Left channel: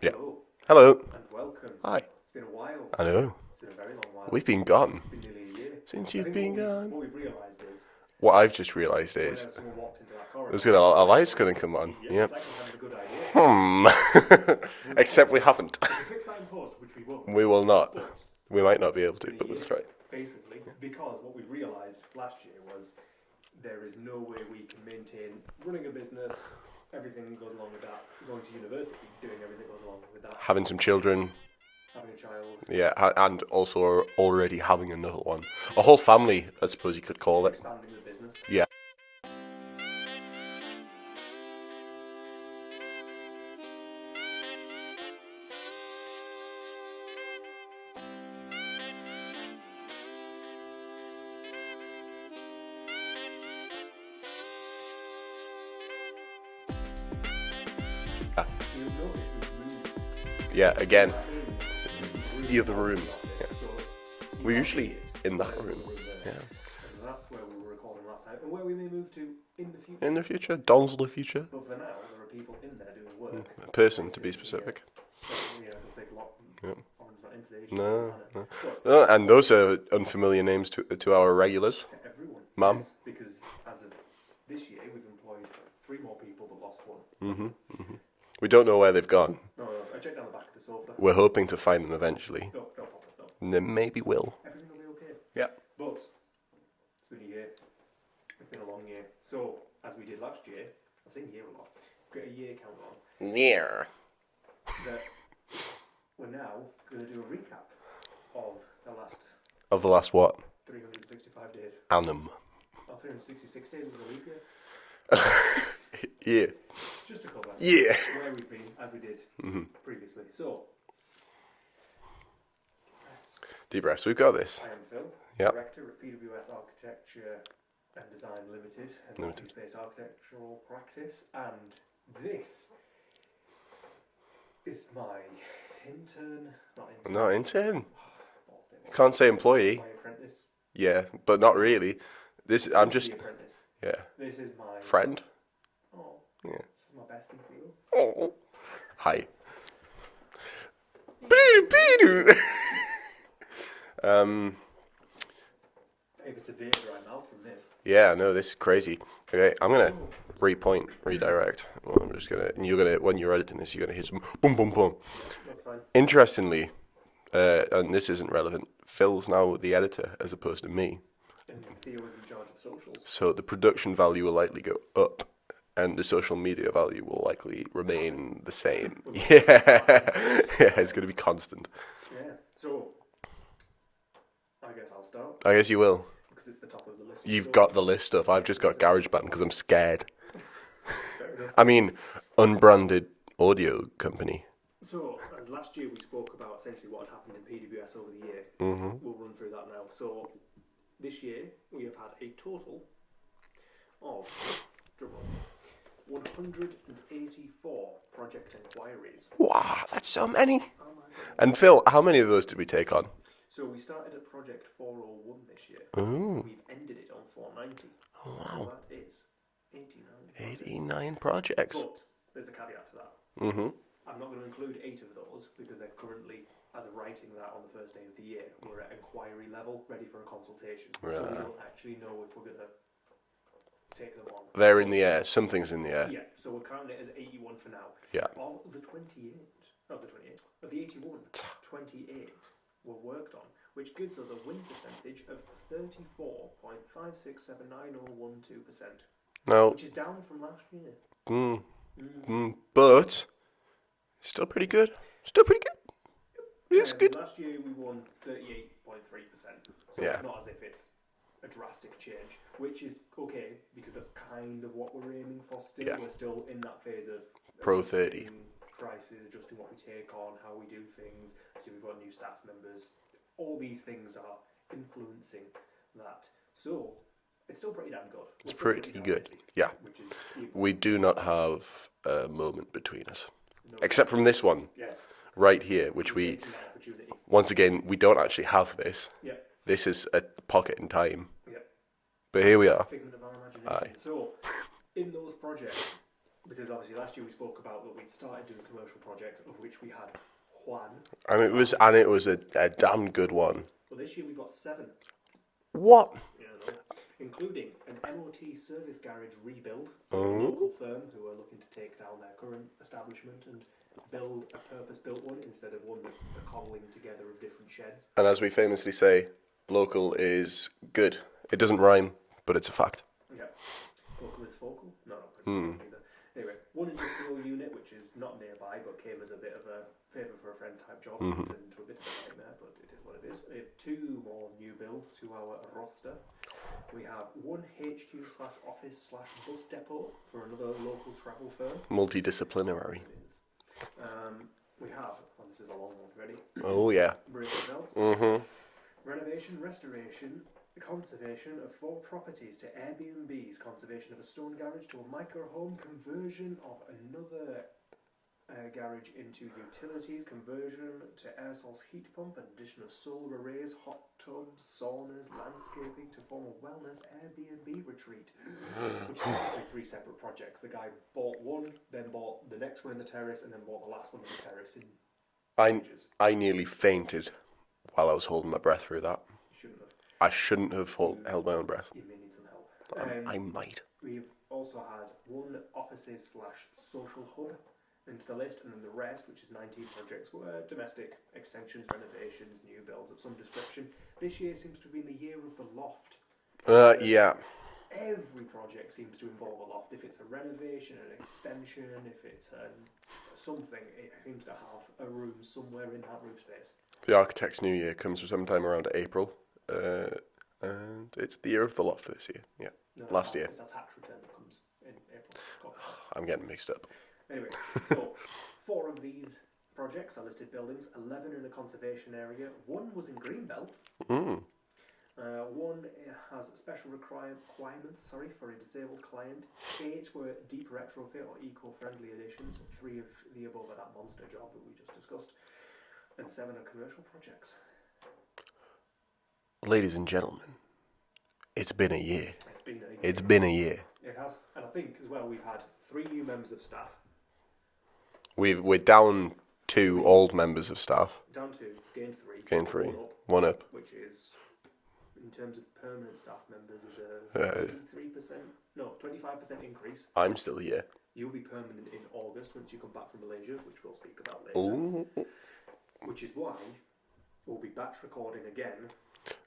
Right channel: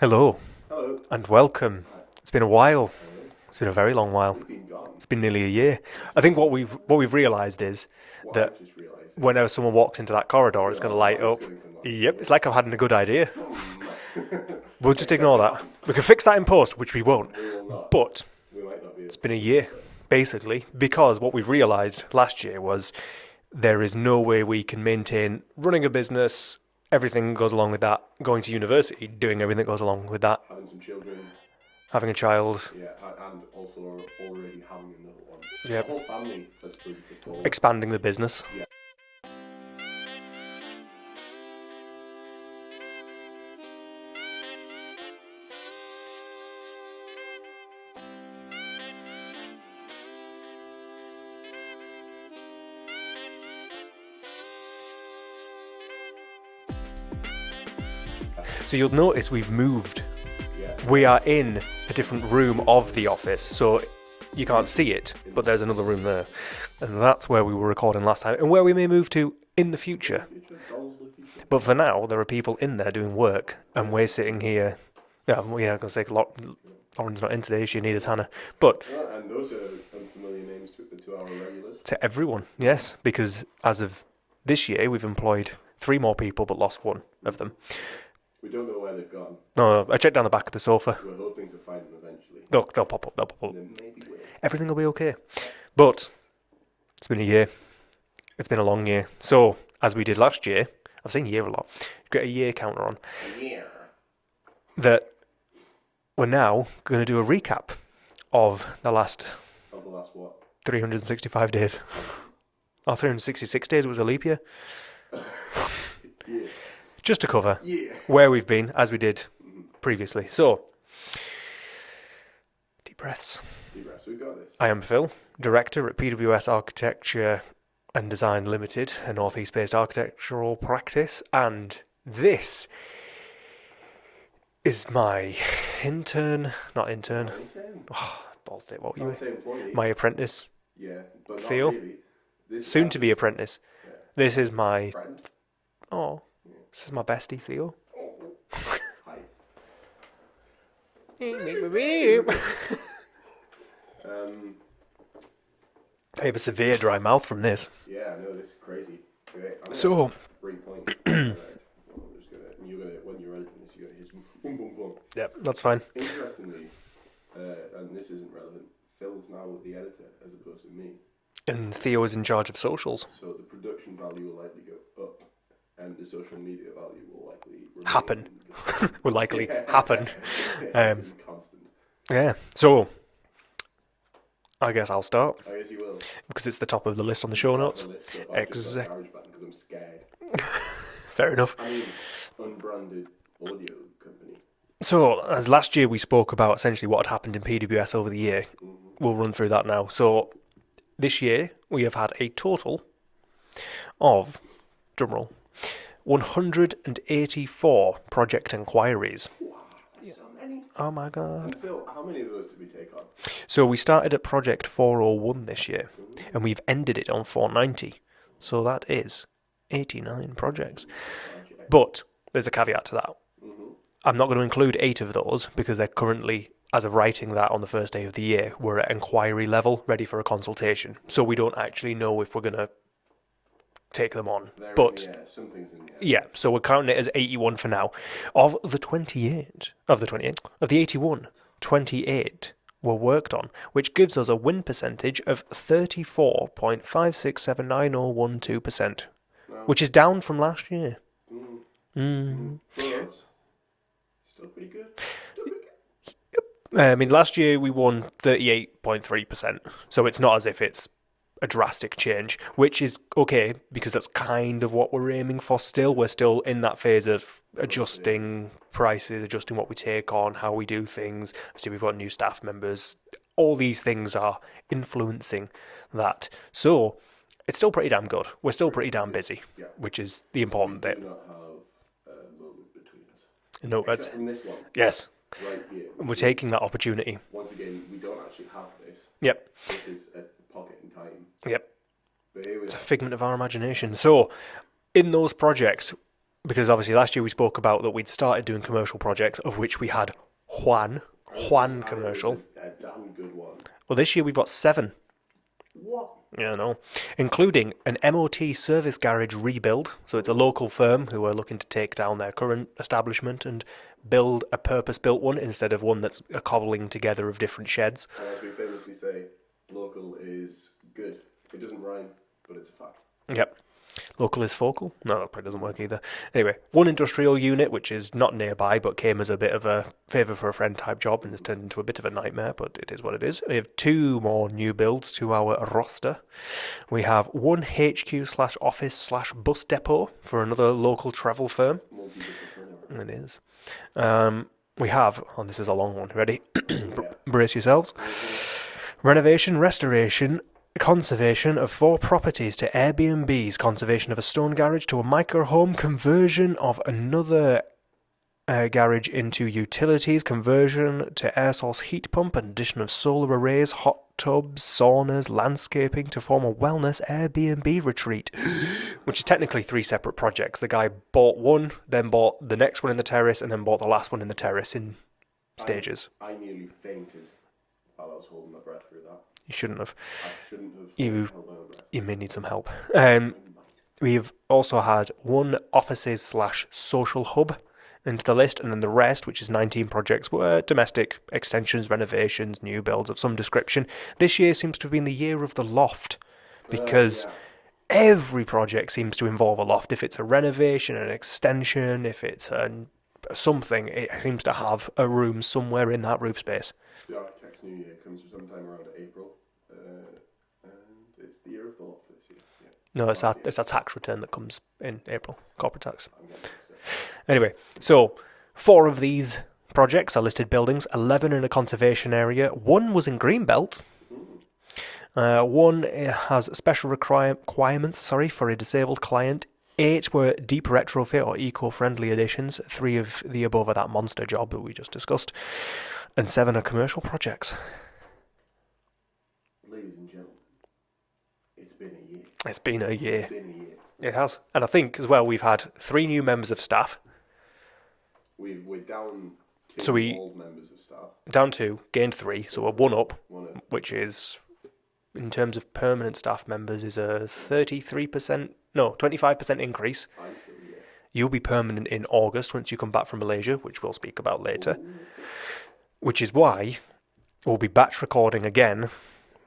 Hello Hello. and welcome. Hi. It's been a while. I know. It's been a very long while. We've been gone. It's been nearly a year. Since I think you've what been we've realised is What that I've just realised is whenever someone walks into that corridor, it's it's going to a light light's up. going to come on. Yep, it's like I've had a good idea. Hmm. We'll just Except ignore we that. haven't. We can fix that in post, which we won't. We will not. But We might not be able to. it's been a year, basically, because what we've realised last year was there is no way we can maintain running a business, everything goes along with that, going to university, doing everything that goes along with that, Having some children, having a child, and also already having another one. Yeah. A whole family, I suppose you could call it. expanding the business. Yeah. So you'll notice we've moved. Yeah, again. We are in a different room The other of room. the office, so you can't usually see it, in but the there's another room there. And that's where we were recording last time, and where we may move to in the In future. the future, Don's the future. But for now, there are people in there doing work, and Person, we're to be sitting here. Yeah, I'm going to say Lauren's not in today, she neither's Hannah. But And those are unfamiliar names to our regulars. to everyone, Mum. yes, because as of this year, we've employed 3 more people, but lost one of them. We don't know where they've gone. No, I checked down the back of the sofa. We're hoping to find them eventually. They'll pop up, they'll pop up. And they maybe will. Everything will be okay. Yeah. But it's been a year. It's been a long year. So, as we did last year, I've seen year a lot. Get a year counter on. Yeah. That we're now going to do a recap of the last Of the last what? 365 days. Annum. Or 366 days, it was a leap year. Yeah. Just to cover Yeah. where we've been, as we did previously. So, deep breaths. Deep breaths. We've got this. I am Phil, Yeah. Director at PWS Architecture and Design Limited, a northeast-based architectural practice, and this is my intern, not intern, No, intern. balls it, what Can't say employee. my apprentice, Yeah, but not Theo? really. This is soon to be apprentice. yeah. This is my, Friend. this is my bestie, Theo. Hi. I have a severe dry mouth from this. Yeah, no, this is crazy. Okay, I'm gonna So, repoint direct. Well, I'm just gonna, and you're gonna, when you're editing this, you're gonna hit some boom, boom, boom. yeah, that's fine. Interestingly, and this isn't relevant, Phil's now the editor as opposed to me. And Theo is in charge of socials. So the production value will likely go up, and the social media value will likely remain Happen. the same. Will likely happen. Yeah, it's going to be constant. Yeah. So, I guess I'll start I guess you will. because it's the top of the list on the You've show got notes. the list up. I've just got GarageBand because I'm scared. Fair enough. I mean, unbranded audio company. So, as last year we spoke about essentially what had happened in PWS over the year, we'll run through that now. So, this year we have had a total of, drumroll, 184 project inquiries. Wow, that's so many. Oh my god. And Phil, how many of those did we take on? So, we started at project 401 this year, and we've ended it on 490. So, that is 89 projects. 89 projects. But there's a caveat to that. Mm-hmm. I'm not going to include 8 of those because they're currently, as of writing that on the first day of the year, we're at inquiry level, ready for a consultation. So we don't actually know if we're going to take them on. They're in But, the air. Something's in the air. Yeah, so we're counting it as 81 for now. Yeah. Of the 81, 28 were worked on, which gives us a win percentage of 34.5679012%, No. which is down from last year. But still pretty good. Still pretty good. I mean, last year we won 38.3%, so it's not as if it's a drastic change, which is okay because that's kind of what we're aiming for still. We're still in that phase of adjusting prices, adjusting what we take on, how we do things. See, we've got new staff members. All these things are influencing that. So it's still pretty damn good. We're still pretty damn good. busy, Yeah. which is the We important do bit. not have a moment between us. No, Except from this one yes, right here, which we're taking that opportunity. once again, we don't actually have this. Yep, This is a pocket in time. yep. But here we It's a are. figment of our imagination. So, in those projects, because obviously last year we spoke about that we'd started doing commercial projects, of which we had one. And it was a damn good one. Well, this year we've got 7. What? Yeah, I know. Including an MOT service garage rebuild. So it's a local firm who are looking to take down their current establishment and build a purpose-built one instead of one that's a cobbling together of different sheds. And as we famously say, local is good. It doesn't rhyme, but it's a fact. Yep. Local is focal? No, that probably doesn't work either. Anyway, one industrial unit, which is not nearby, but came as a bit of a favour for a friend type job and has turned into a bit of a nightmare, but it is what it is. We have 2 more new builds to our roster. We have one HQ/office/bus depot for another local travel firm. Multidisciplinary. It is. We have, this is a long one, ready? Oh, yeah. Brace yourselves. Renovation, restoration, conservation of 4 properties to Airbnbs, conservation of a stone garage to a micro home, conversion of another garage into utilities, conversion to air source heat pump, and addition of solar arrays, hot tubs, saunas, landscaping to form a wellness Airbnb retreat, which is technically 3 separate projects. The guy bought one, then bought the next one in the terrace, and then bought the last one in the terrace in stages. I nearly fainted while I was holding my breath through that. You shouldn't have. I shouldn't have held my own breath. You may need some help. I might. We've also had one offices/social hub into the list, and then the rest, which is 19 projects, were domestic extensions, renovations, new builds of some description. This year seems to have been the year of the loft, because every project seems to involve a loft. If it's a renovation, an extension, if it's something, it seems to have a room somewhere in that roof space. The architect's new year comes sometime around April, and it's the year of the loft this year. Yeah. No, it's a tax return that comes in April, corporate tax. I'm getting mixed up. Anyway, so 4 of these projects are listed buildings, 11 in a conservation area, 1 was in Greenbelt, 1 has special requirements for a disabled client, 8 were deep retrofit or eco-friendly additions, 3 of the above are that monster job that we just discussed, and 7 are commercial projects. Ladies and gentlemen, it's been a year. It's been a year. It's been a year. It has. And I think as well we've had 3 new members of staff. We're down 2 old members of staff. Down 2, gained 3, so we're 1 up. 1 up. Which is, in terms of permanent staff members, is a 25% increase. I'm still here. You'll be permanent in August once you come back from Malaysia, which we'll speak about later. Ooh. Which is why we'll be batch recording again.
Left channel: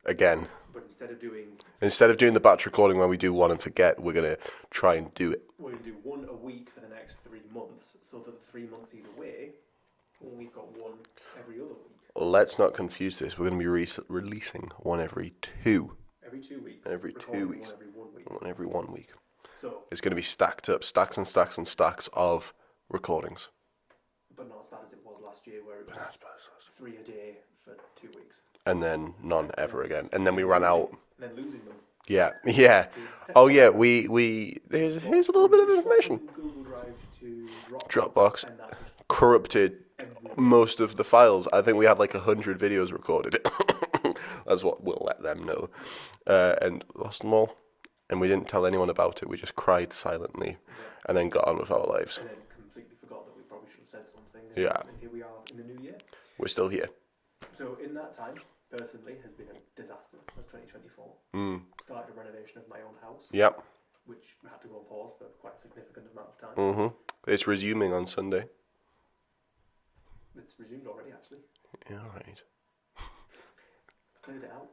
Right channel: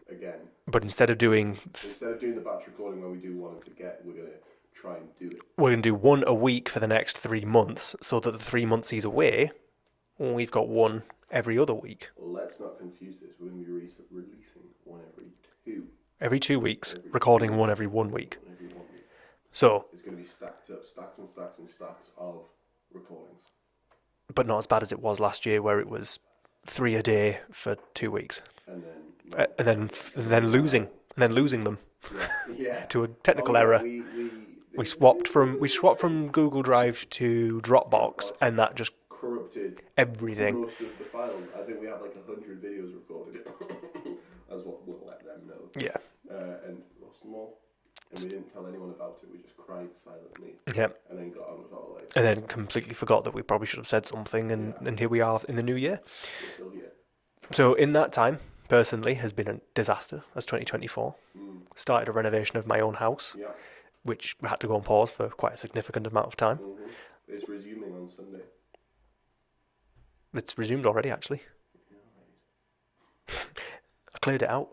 But instead of doing the batch recording where we do one and forget, we're going to try and do it. We're going to do 1 a week for the next 3 months, so that the 3 months he's away, we've got 1 every other week. Let's not confuse this. We're going to be releasing 1 every 2. Every 2 weeks, recording 1 every 1 week. 1 every 1 week. So it's going to be stacked up, stacks and stacks and stacks of recordings. But not as bad as it was last year, where it was 3 a day for 2 weeks. And then none ever again. And then we ran out. And then losing them. Yeah. To a technical error. we swapped from Google Drive to Dropbox, and that just corrupted everything. Most of the files. I think we had like 100 videos recorded. That's what we'll let them know. Yeah. And lost them all. And we didn't tell anyone about it. We just cried silently. Yep. And then got on with our lives. And then completely forgot that we probably should have said something. And here we are in the new year. We're still here. So in that time, personally, has been a disaster as 2024. Started a renovation of my own house. Yep. Which had to go on pause for quite a significant amount of time. Mm-hmm. It's resuming on Sunday. It's resumed already, actually. Yeah, right. I cleared it out.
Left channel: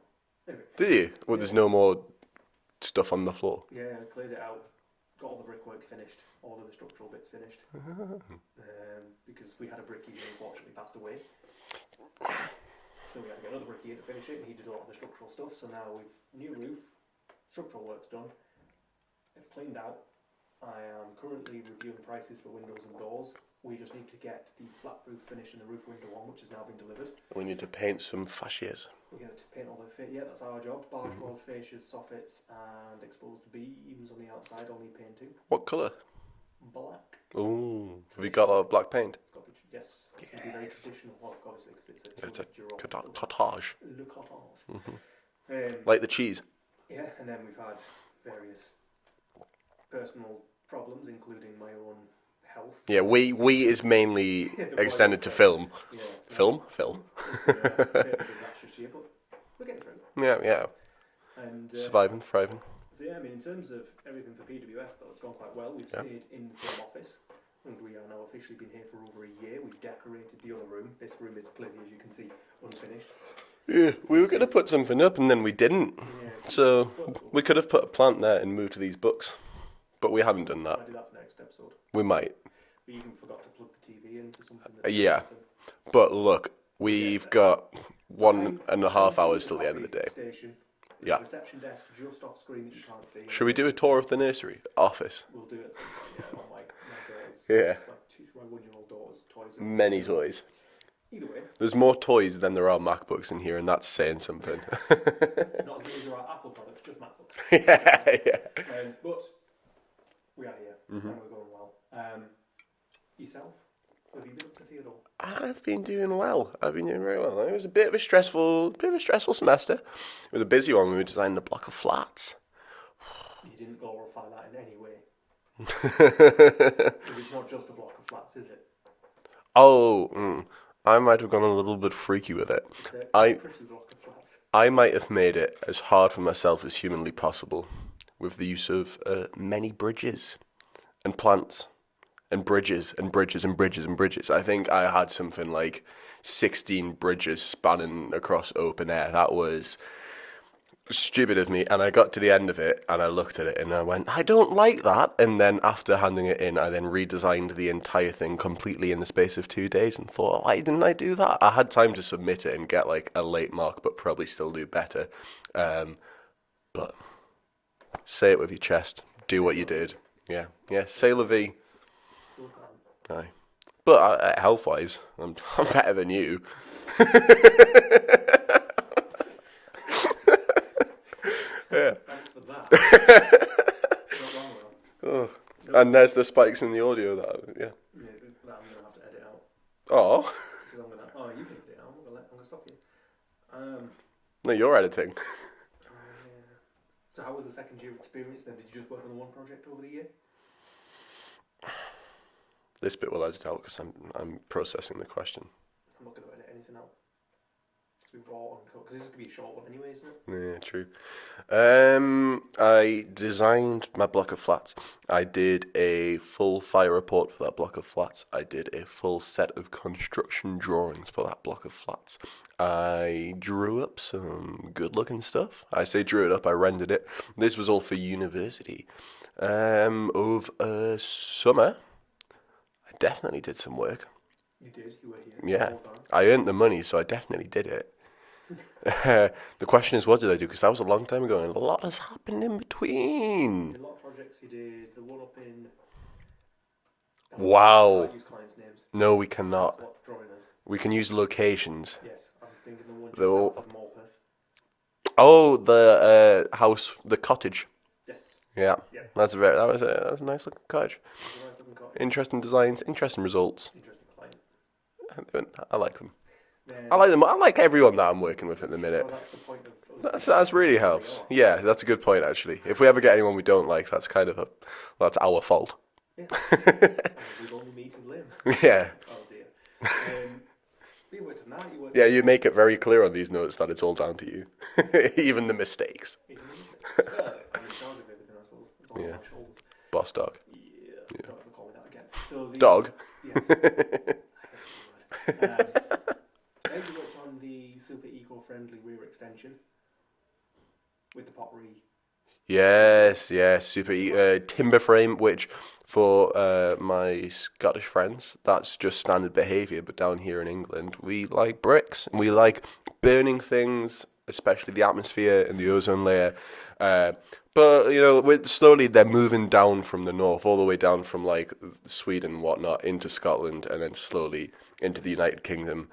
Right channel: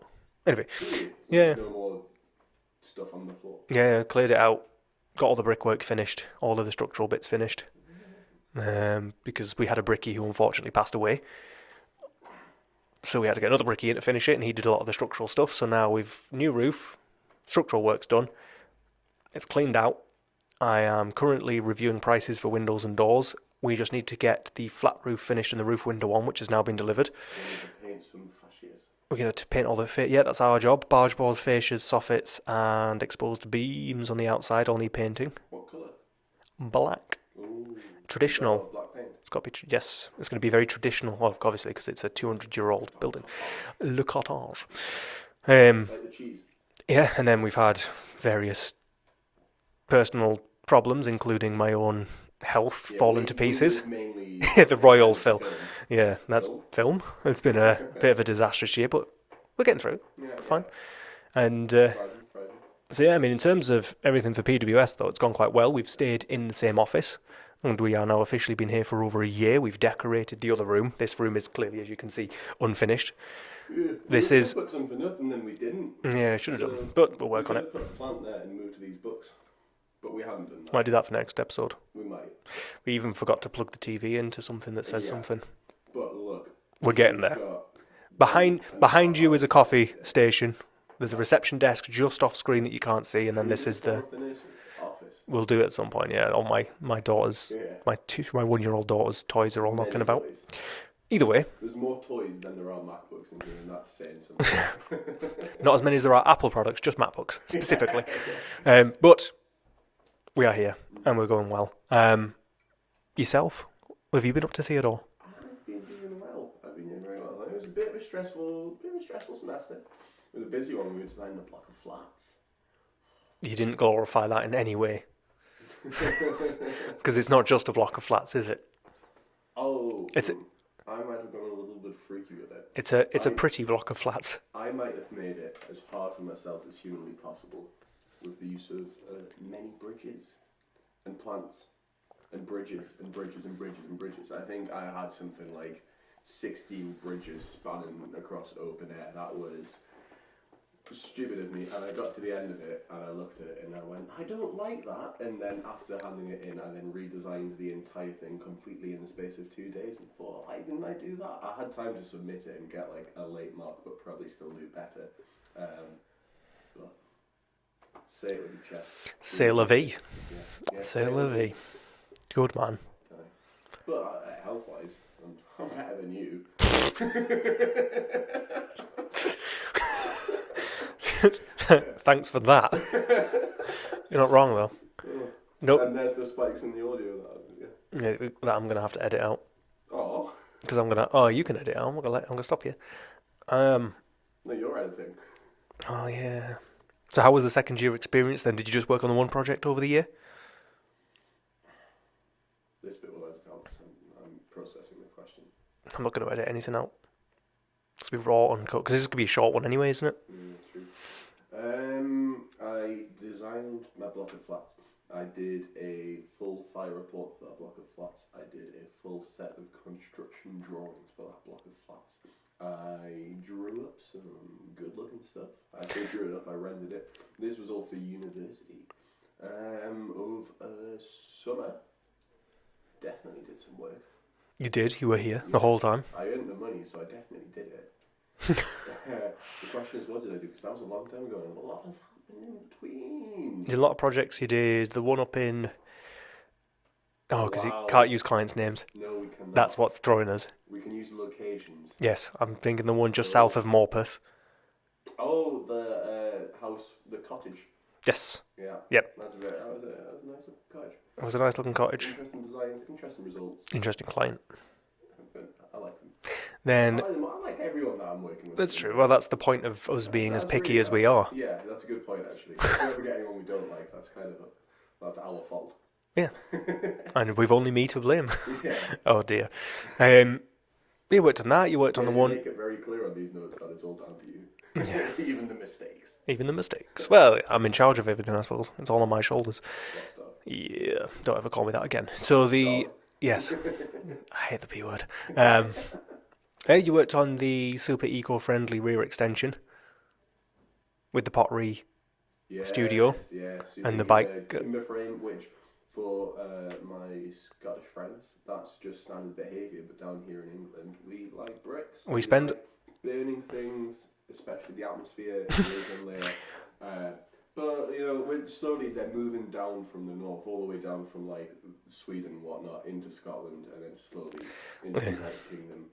Anyway. Did you? Well, there's no more stuff on the floor. Yeah, cleared it out. Got all the brickwork finished. All of the structural bits finished. Because we had a brickie who unfortunately passed away. So we had to get another brickie in to finish it, and he did a lot of the structural stuff. So now we've new roof, structural work's done. It's cleaned out. I am currently reviewing prices for windows and doors. We just need to get the flat roof finished and the roof window on, which has now been delivered. We need to paint some fascias. We're going to paint all the yeah, that's our job. Barge boards, fascias, soffits, and exposed beams on the outside all need painting. What colour? Black. Ooh, traditional. We got black paint. It's got to be yes. It's going to be very traditional, obviously, because it's a 200-year-old building. Le cottage. Like the cheese. Yeah, and then we've had various personal problems, including my own health Yeah, falling to we pieces. is mainly The royal extended to film. Yeah, that's film. It's been a bit of a disastrous year, but we're getting through. Yeah, yeah. And Surviving, thriving. so yeah, I mean, in terms of everything for PWS, though, it's gone quite well. We've stayed in the same office, and we are now officially been here for over a year. We've decorated the other room. This room is clearly, as you can see, unfinished. Yeah, we could have put something up and then we didn't. Yeah, should have. So But we could have put a plant there and moved to these books, but we haven't done that. Might do that for next episode. We might. We even forgot to plug the TV into something that says Yeah. something. But look, We're getting we've there. got Behind you is a is coffee station. There's Yeah. a reception desk just off screen that you can't see. And Should then we this do a is tour of the nursery office? We'll do it at some point. Yeah, all my daughter's, Yeah. my 1-year-old daughter's toys are all Many knocking about. toys. Either way, There's more toys than there are MacBooks in here, and that's saying something. not as many as there are Apple products, just MacBooks specifically. Yeah. But we are here and we're going well. Yourself, what have you been up to, Theodore? I've been doing well. I've been doing very well. It was a bit of a stressful semester. It was a busy one. We were designing a block of flats. You didn't glorify that in any way, because it's not just a block of flats, is it? Oh, I might have gone a little bit freaky with it. It's a pretty block of flats. I might have made it as hard for myself as humanly possible with the use of many bridges and plants and bridges and bridges and bridges and bridges. I think I had something like 16 bridges spanning across open air. That was stupid of me, and I got to the end of it and I looked at it and I went, I don't like that. And then after handing it in, I then redesigned the entire thing completely in the space of 2 days and thought, why didn't I do that? I had time to submit it and get like a late mark, but probably still do better. But say it with your chest. Do C'est what la you vie. did. Yeah. Say la vie. Good man. Aye. But health-wise, I'm better than you. Thanks for that. You're not wrong though. Oh. Nope. And there's the spikes in the audio Yeah, that I'm gonna have to edit out Oh. because I'm gonna. Oh, you can edit out. I'm gonna stop you. No, you're editing. Oh yeah. So how was the second year experience then? Did you just work on the one project over the year? This bit will edit out because I'm processing the question. I'm not gonna edit anything out. It's gonna be raw uncut because this is gonna be a short one anyway, isn't it? Yeah, true. I designed my block of flats. I did a full fire report for that block of flats. I did a full set of construction drawings for that block of flats. I drew up some good-looking stuff. I say drew it up, I rendered it. This was all for university. Over summer, I definitely did some work. You did. You were here Yeah. the whole time. I earned the money, so I definitely did it. The question is, what did I do? Because that was a long time ago, and a lot has happened in between. Did a lot of projects. You did the one up in. Oh, 'cause Wow. You can't use clients' names. No, we cannot. That's what's throwing us. We can use locations. Yes, I'm thinking the one just No. south of Morpeth. Oh, the house, the cottage. Yes, Yeah. Yep. That was a nice looking cottage. it was a nice looking cottage. Interesting designs, interesting results. Interesting client. I like them. Then I like them. I like everyone that I'm working with. that's at the true. minute. Well, that's the point of us being as That's picky really as we are. helps. Yeah, that's a good point actually. If we ever get anyone we don't like, that's kind of that's our fault. Yeah, and we've only me to blame. Yeah. Oh dear. You worked on that. You worked Yeah, on you one, make it very clear on these notes that it's all down to you, even the mistakes. even the mistakes. Well, I'm in charge of everything, I suppose. It's all on my shoulders. Boss dog. Yeah, don't ever call me that again. So the Dog. Yes, I hate the P word. You worked on the super eco-friendly rear extension with the pottery. Yes, yes, super and the bike. timber frame, which for my Scottish friends, that's just standard behaviour. But down here in England, we like bricks. We spend- like burning things, especially the atmosphere and the ozone layer. But you know, slowly they're moving down from the north, all the way down from like Sweden and whatnot into Scotland, and then slowly into the United Kingdom.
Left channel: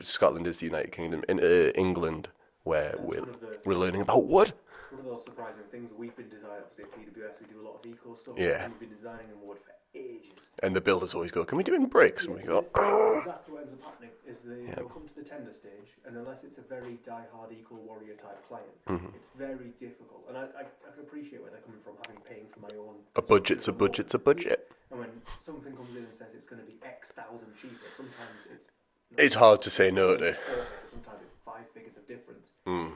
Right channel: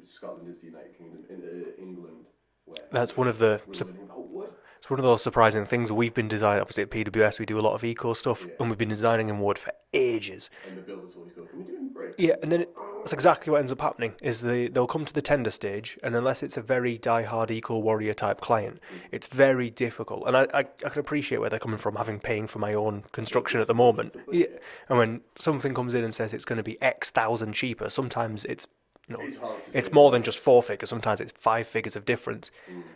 Scotland is the United Kingdom, into England, where That's one of the. we're learning about wood. It's one of those surprising things. We've been designing, obviously at PWS, we do a lot of eco stuff, Yeah. and we've been designing in wood for ages. And the builders always go, can we do it in bricks? Yeah, we and go, then that's exactly what ends up happening. Is they'll come to the tender stage, and unless it's a very die-hard eco warrior type client, it's very difficult. And I can appreciate where they're coming from, having paying for my own construction at the moment. It's a budget. Yeah. And when something comes in and says it's going to be X thousand cheaper, sometimes it's It's hard to say. it's more than just 4 figures. Sometimes it's 5 figures of difference.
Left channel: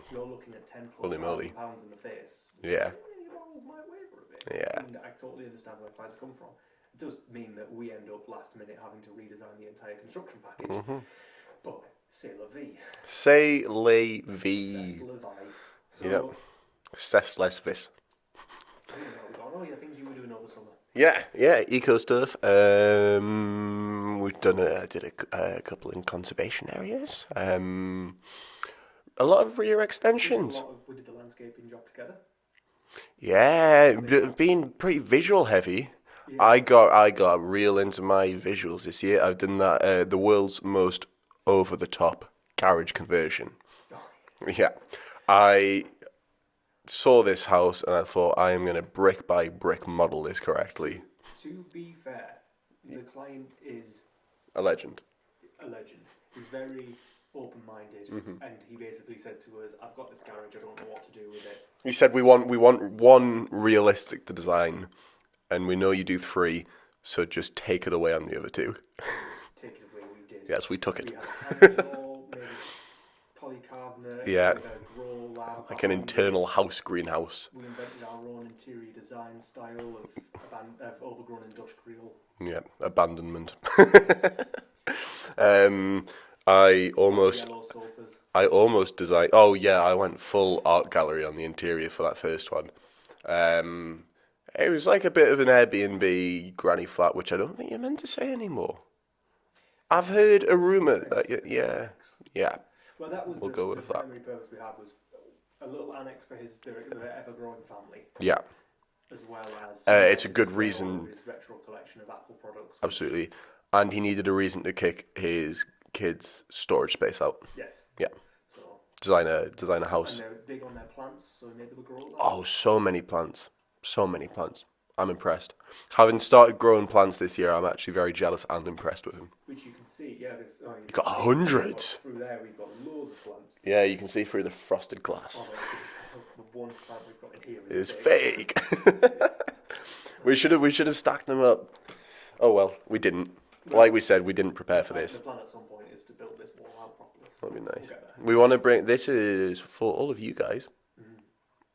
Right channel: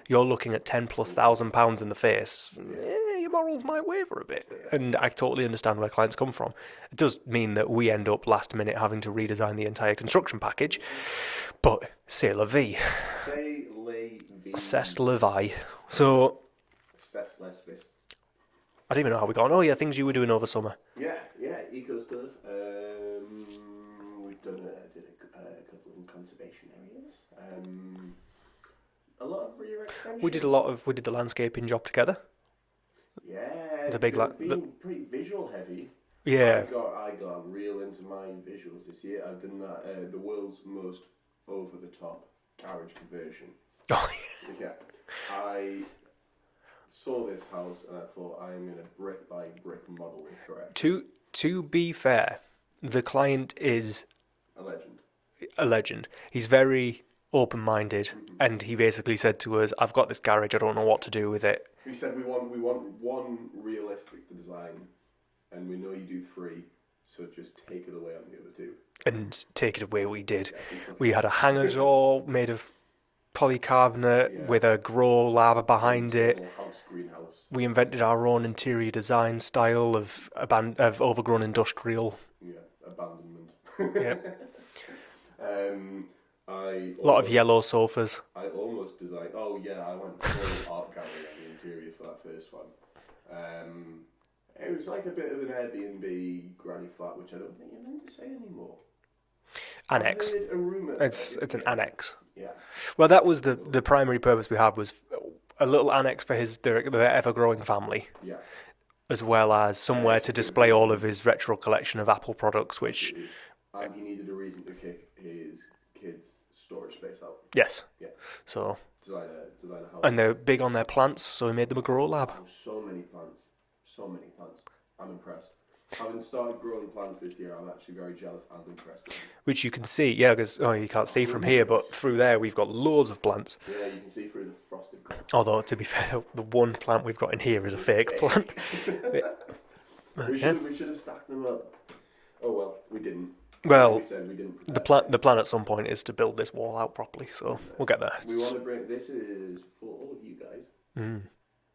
You're looking at 10 plus £1,000 in the face. Yeah. Your morals might waver a bit. Yeah. And I totally understand where clients come from. It does mean that we end up last minute having to redesign the entire construction package. But c'est la vie. C'est la vie. C'est la vie. So C'est les vis. I don't even know how we got on. Oh yeah, things you were doing over summer. Yeah, eco stuff. We've done did a couple in conservation areas. A lot of rear extensions. We did the landscaping job together. Yeah, big being pretty visual heavy. Yeah. I got real into my visuals this year. I've done that the world's most over the top garage conversion. Oh, Yeah, I saw this house and I thought I am going to brick by brick model this correctly. To be fair, the client is A legend. a legend. He's very open-minded, and he basically said to us, "I've got this garage. I don't know what to do with it." He said we want one realistic to design, and we know you do 3, so just take it away on the other 2. And take it away, we did. Yes, we took it. We had a hanger door made of polycarbonate with a grow lava An behind it. internal house greenhouse. We invented our own interior design style of overgrown industrial. Yeah, abandonment. Yeah. I A lot of almost yellow sofas. designed. Oh yeah, I went full art gallery on the interior for that first one. It was like a bit of an Airbnb granny flat, which I don't think you're meant to say anymore. Annex. I've heard a rumor. It's an annex. Yeah. Well, that was We'll go the with primary purpose we had, was a little annex for their ever-growing family, Yeah. as well as somewhere it's a to good display all reason. of his retro collection of Apple products, which, Absolutely. And he needed a reason to kick his kids' storage space out. yes. Yeah. So, Design a house. and they're big on their plants, so we made them a grow lab. Oh, so many plants. So many plants. I'm impressed. Having started growing plants this year, I'm actually very jealous and impressed with them. Which you can see, yeah, because you can't see from here, but Hundreds. through there we've got loads of plants. Yeah, you can see through the frosted glass. Although, to be fair, the one plant we've got in here is a It's fake plant. we should have stacked them up. Oh well, we didn't. Well, like we said, we didn't prepare for this. The plan at some point is to build this wall out properly, so we'll get there. We want to bring. This is for all of you guys. Mm.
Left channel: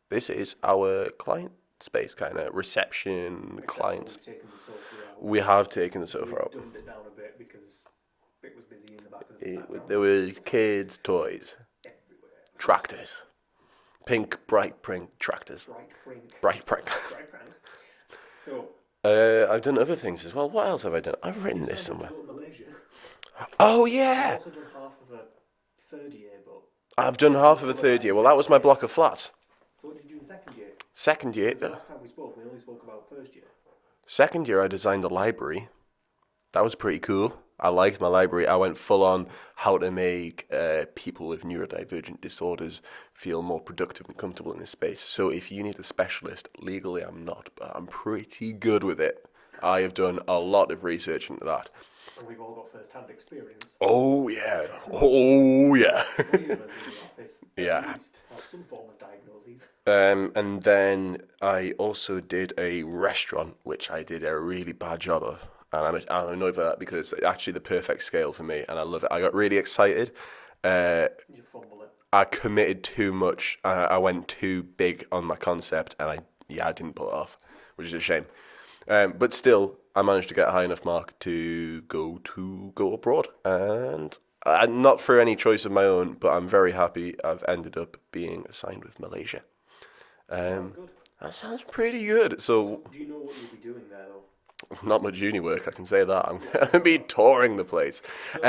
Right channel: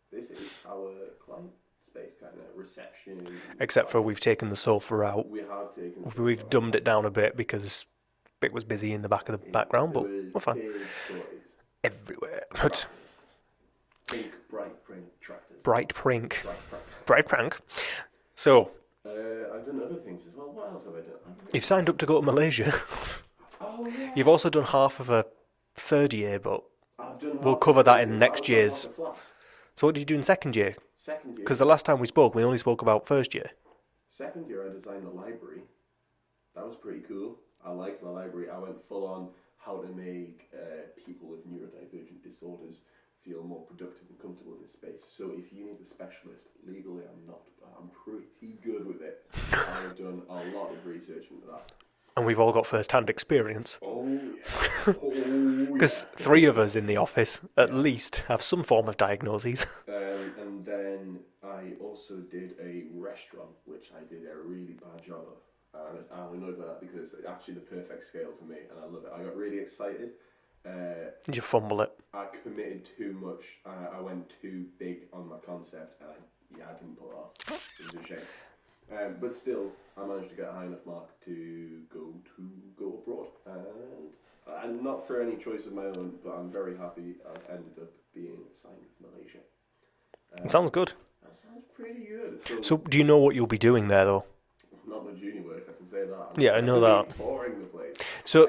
This is our client space, kind of reception. Except for clients. we've taken the sofa out. We have taken the sofa We've out. dumbed it down a bit because it was busy in the back of the background. There but was we're fine. kids' toys, Everywhere. tractors, pink bright print tractors. Bright prank. Bright print. Bright prank. So, I've done other things as well. What else have I done? I've written. you've signed up to go to Malaysia. Oh yeah. You've also done half of a third year, but I've done half cover of the that third in year. Well, that next was my block year's. of flats. so what did you do in second year? Second year. Because the last time we spoke, we only spoke about first year. Second year, I designed a library. That was pretty cool. I liked my library. I went full on how to make people with neurodivergent disorders feel more productive and comfortable in this space. So if you need a specialist, legally I'm not, but I'm pretty good with it. I have done a lot of research into that. And we've all got first-hand experience. Oh yeah. Oh yeah. 3 of us in the office, at Yeah. least, have some form of diagnoses. And then I also did a restaurant, which I did a really bad job of. And I'm annoyed by that because it's actually the perfect scale for me, and I love it. I got really excited. Did you fumble it? I committed too much. I went too big on my concept, and I didn't pull it off, which is a shame. But still, I managed to get a high enough mark to go abroad, and not for any choice of my own, but I'm very happy. I've ended up being assigned with Malaysia. It sounds good. That sounds pretty good. So So, do you know what you'll be doing there, though? not much uni work, I can say that. I'm Yeah, I going know to be that. touring the place. So,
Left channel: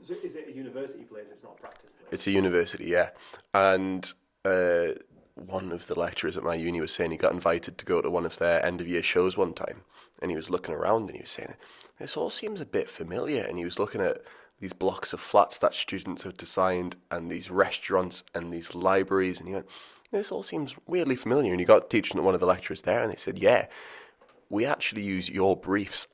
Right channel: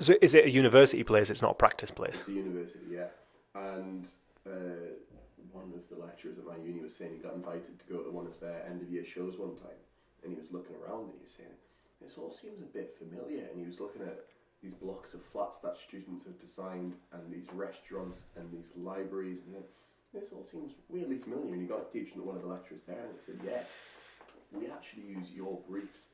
so is it a university place? It's not a practice place. It's a university, yeah. And one of the lecturers at my uni was saying he got invited to go to one of their end-of-year shows one time. And he was looking around and he was saying, this all seems a bit familiar. And he was looking at these blocks of flats that students have designed and these restaurants and these libraries. And he went, this all seems weirdly familiar. And you got teaching at one of the lecturers there, and they said, yeah, we actually use your briefs.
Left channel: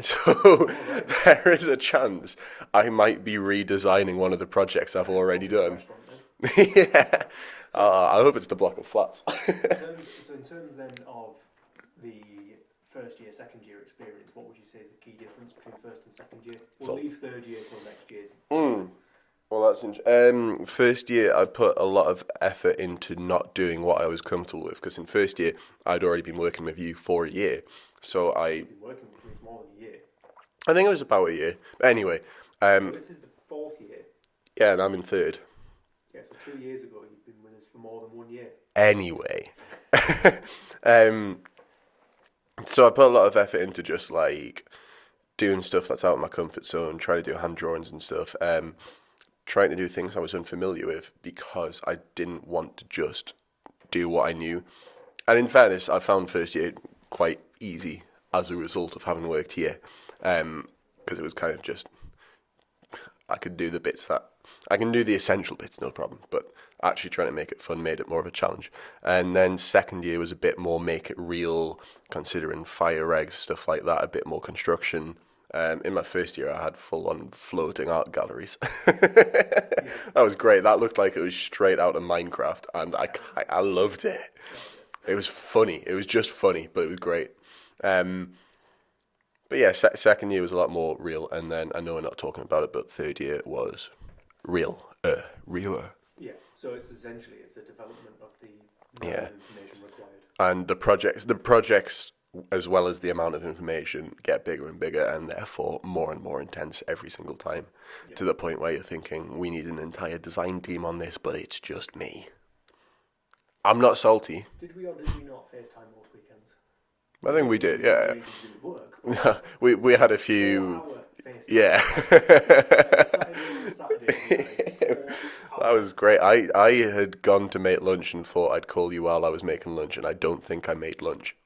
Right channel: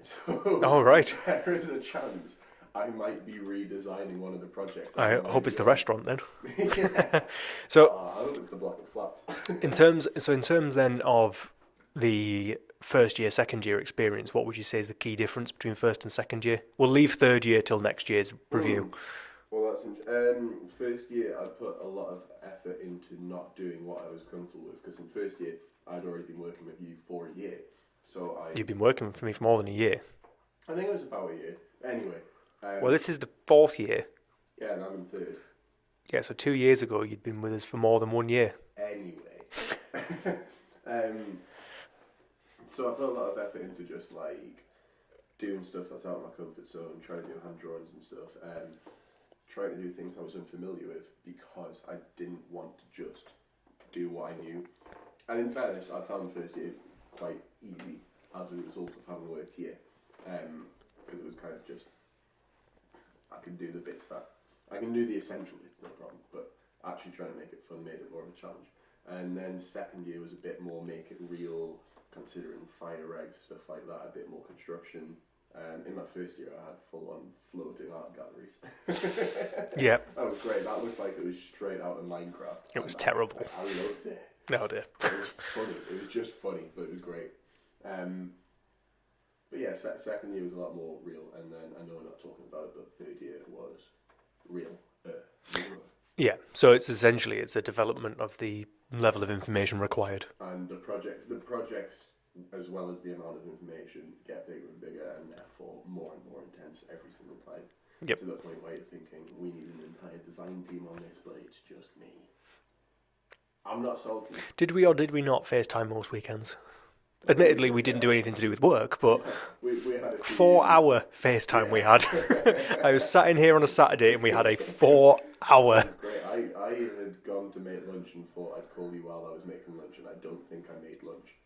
So Oh, right. there is a chance I might be redesigning one of the projects I've I already hope it's done. the restaurant then. Yeah. So I hope it's the block of flats. in terms then of the first year, second year experience, what would you say is the key difference between first and second year? We'll leave third year till next year's review. Well, that's first year I put a lot of effort into not doing what I was comfortable with, because in first year I'd already been working with you for a year. So You've been working for me for more than a year. I think it was about a year. But anyway, Well, this is the fourth year. yeah, and I'm in third. Yeah, so 2 years ago you'd been with us for more than 1 year. Anyway, so I put a lot of effort into just like doing stuff that's out of my comfort zone, trying to do hand drawings and stuff, trying to do things I was unfamiliar with because I didn't want to just do what I knew. And in fairness, I found first year quite easy as a result of having worked here, because it was kind of just, I could do the bits that, I can do the essential bits, no problem, but actually trying to make it fun made it more of a challenge. And then second year was a bit more make it real, considering fire regs, stuff like that, a bit more construction. In my first year, I had full-on floating art galleries. Yeah. That was great. That looked like it was straight out of Minecraft. It was terrible. I loved it. No, dear. It was funny. It was just funny, but it was great. But yeah, second year was a lot more real. And then, I know we're not talking about it, but third year was realer. Yeah, so it's a development of the level of information required. And the projects, as well as the amount of information, get bigger and bigger, and therefore more and more intense every single time. Yep. To the point where you're thinking, we need an entire design team on this, but it's just me. I'm not salty. Did we or did we not FaceTime most weekends? I think Admittedly, we didn't do anything to do with work, but we had a few 4-hour FaceTime we had. I was sat in here on a Saturday and we had a 4-hour. That was great. I had gone to make lunch and thought I'd call you while I was making lunch, and I don't think I made lunch.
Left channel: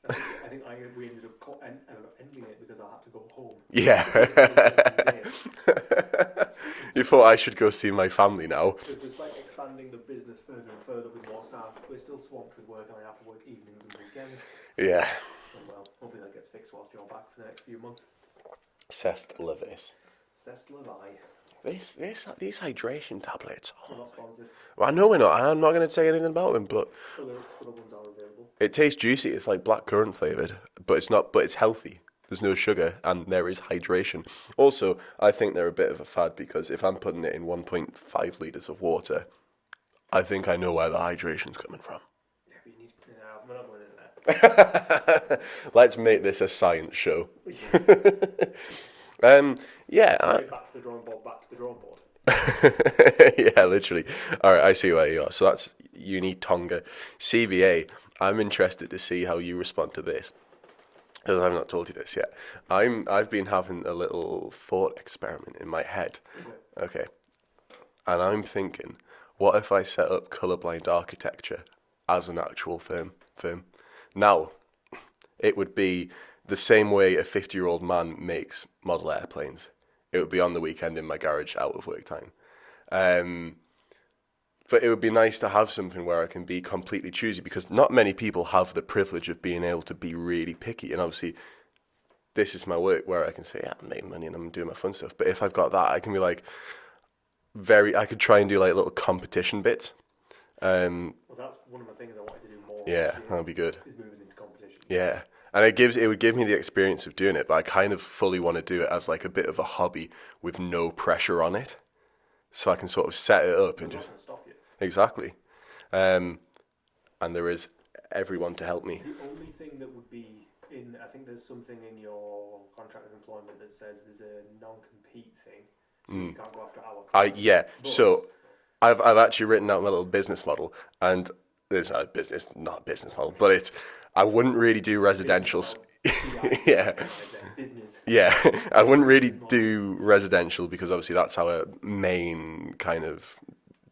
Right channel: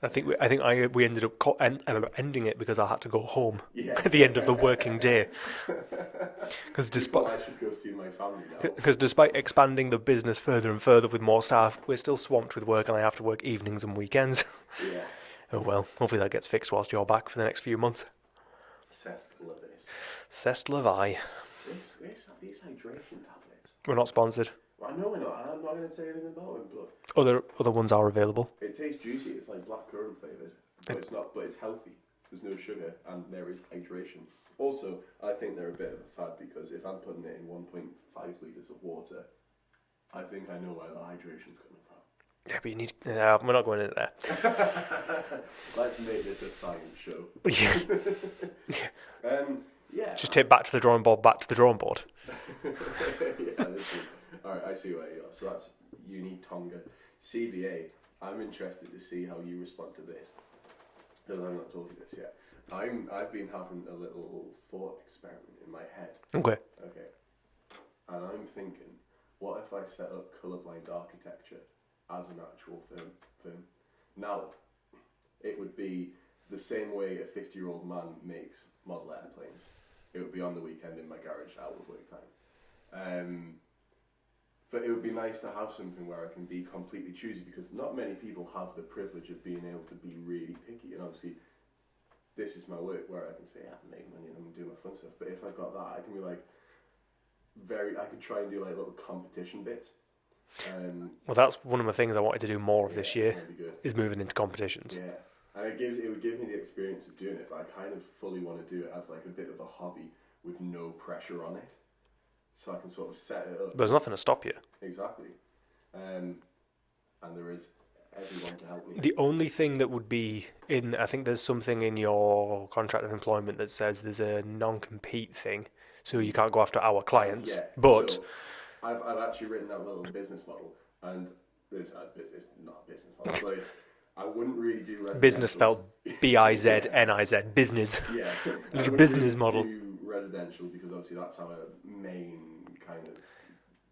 We ended up ending it because I had to go home. Yeah. At the end of the working day. You thought I should go see my family now? Because despite expanding the business further and further with more staff, we're still swamped with work, and I have to work evenings and weekends. Yeah. Oh well, hopefully that gets fixed whilst you're back for the next few months. Cest Levis. Cest Levi. These hydration tablets. We're not sponsored. Well, I know we're not. I'm not going to say anything about them, but Other ones are available. it tastes juicy. It's like blackcurrant flavoured, but it's not. But it's healthy. There's no sugar, and there is hydration. Also, I think they're a bit of a fad, because if I'm putting it in 1.5 litres of water, I think I know where the hydration's coming from. Yeah, but you need... we're not going into there. Let's make this a science show. Yeah. Yeah. Just take back to the drawing board. Yeah, literally. All right, I see where you are. So that's Uni Tonga. CVA, I'm interested to see how you respond to this, because I've not told you this yet. I've been having a little thought experiment in my head. Okay. And I'm thinking, what if I set up colourblind architecture as an actual firm? Now, it would be the same way a 50-year-old man makes model airplanes. It would be on the weekend in my garage, out of work time. But it would be nice to have something where I can be completely choosy, because not many people have the privilege of being able to be really picky. And obviously, this is my work where I can say, yeah, I'm making money and I'm doing my fun stuff. But if I've got that, I can be like, I could try and do like little competition bits. Well, that's one of the things I wanted to do more this year. That'd be good. Is moving into competitions. Yeah. And it would give me the experience of doing it, but I kind of fully want to do it as like a bit of a hobby with no pressure on it. So I can sort of set it up. There's nothing to stop you. Exactly. And there is everyone to help me. The only thing that would be I think there's something in your contract of employment that says there's a non-compete thing, so you can't go after our clients. But so I've actually written out my little business model, and there's not a business model, but it's, I wouldn't really do residential. Business spelled B-I-Z-N-I-Z. Business. Yeah, I wouldn't really model. do residential, because obviously that's our main kind of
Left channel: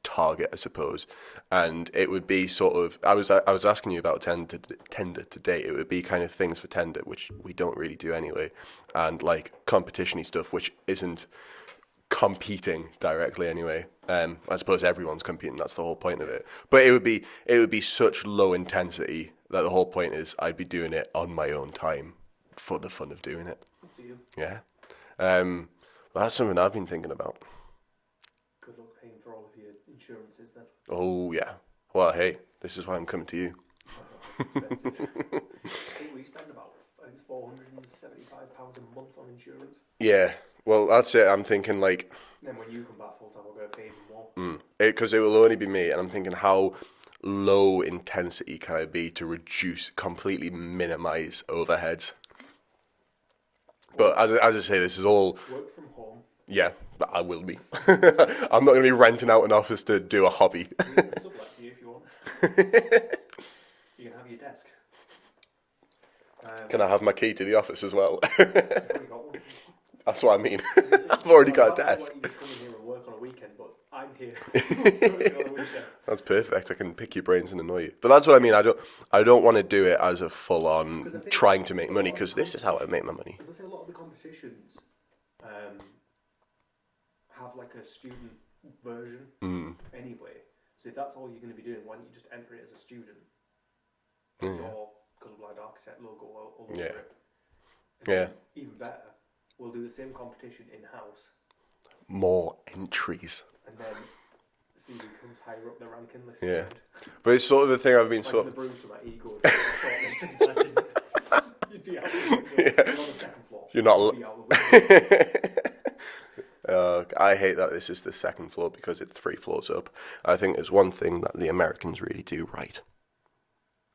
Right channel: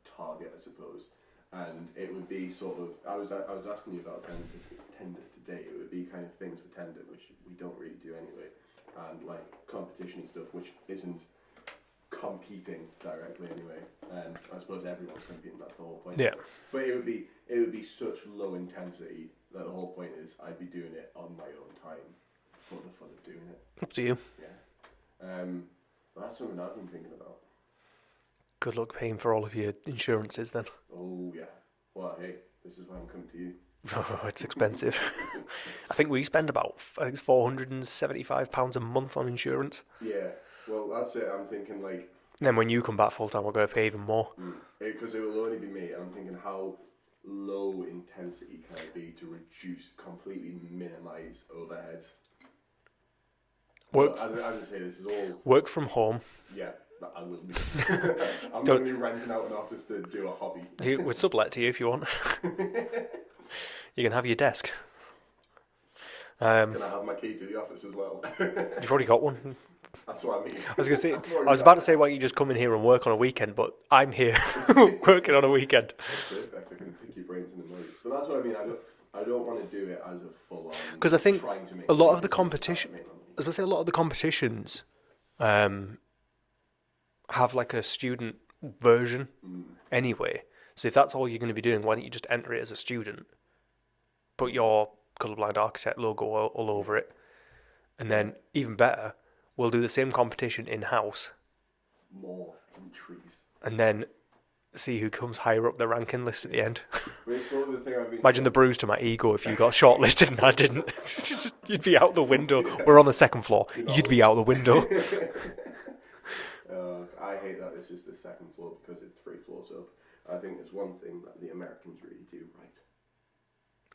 target, I suppose. And it would be sort of, I was asking you about tender today. It would be kind of things for tender, which we don't really do anyway, and like competition-y stuff, which isn't competing directly anyway. I suppose everyone's competing. That's the whole point Yeah. of it. But it would be such low intensity that the whole point is I'd be doing it on my own time for the fun of doing it. Up to you. Yeah. Well, that's something I've been thinking about. Good luck paying for all of your insurances then. Oh yeah. Well, hey, this is why I'm coming to you. Oh, it's expensive. I think we spend about £475 a month on insurance. Yeah. Well, that's it. I'm thinking like. And then when you come back full time, we're going to pay even more. Because it will only be me, and I'm thinking how low intensity can I be to completely minimize overheads. But as I say, this is all. Work from home. Yeah, but I will be. I'm not going to be renting out an office to do a hobby. We'll sublet to you if you want. You can have your desk. Can I have my key to the office as well? You've already got one. That's what I mean. I was about to say why don't you just come in here and work on a weekend, but I'm here working on a weekend. That's perfect. I can pick your brains and annoy you. But that's what I mean. I don't want to do it as a full on trying to make money because this is how I make my money. I was going to say a lot of the competitions have like a student version anyway. So if that's all you're going to be doing, why don't you just enter it as a student? Put your Colourblind Architect logo all over it. And then, even better, we'll do the same competition in-house. More entries. And then see who comes higher up the ranking list at the end. But it's sort of the thing I've been... Imagine the bruise to my ego if you got shortlisted and I didn't. You'd be out the window. We're on the second floor. You'd be out the window. I hate that this is the second floor because it's 3 floors up. I think there's one thing that the Americans really do right.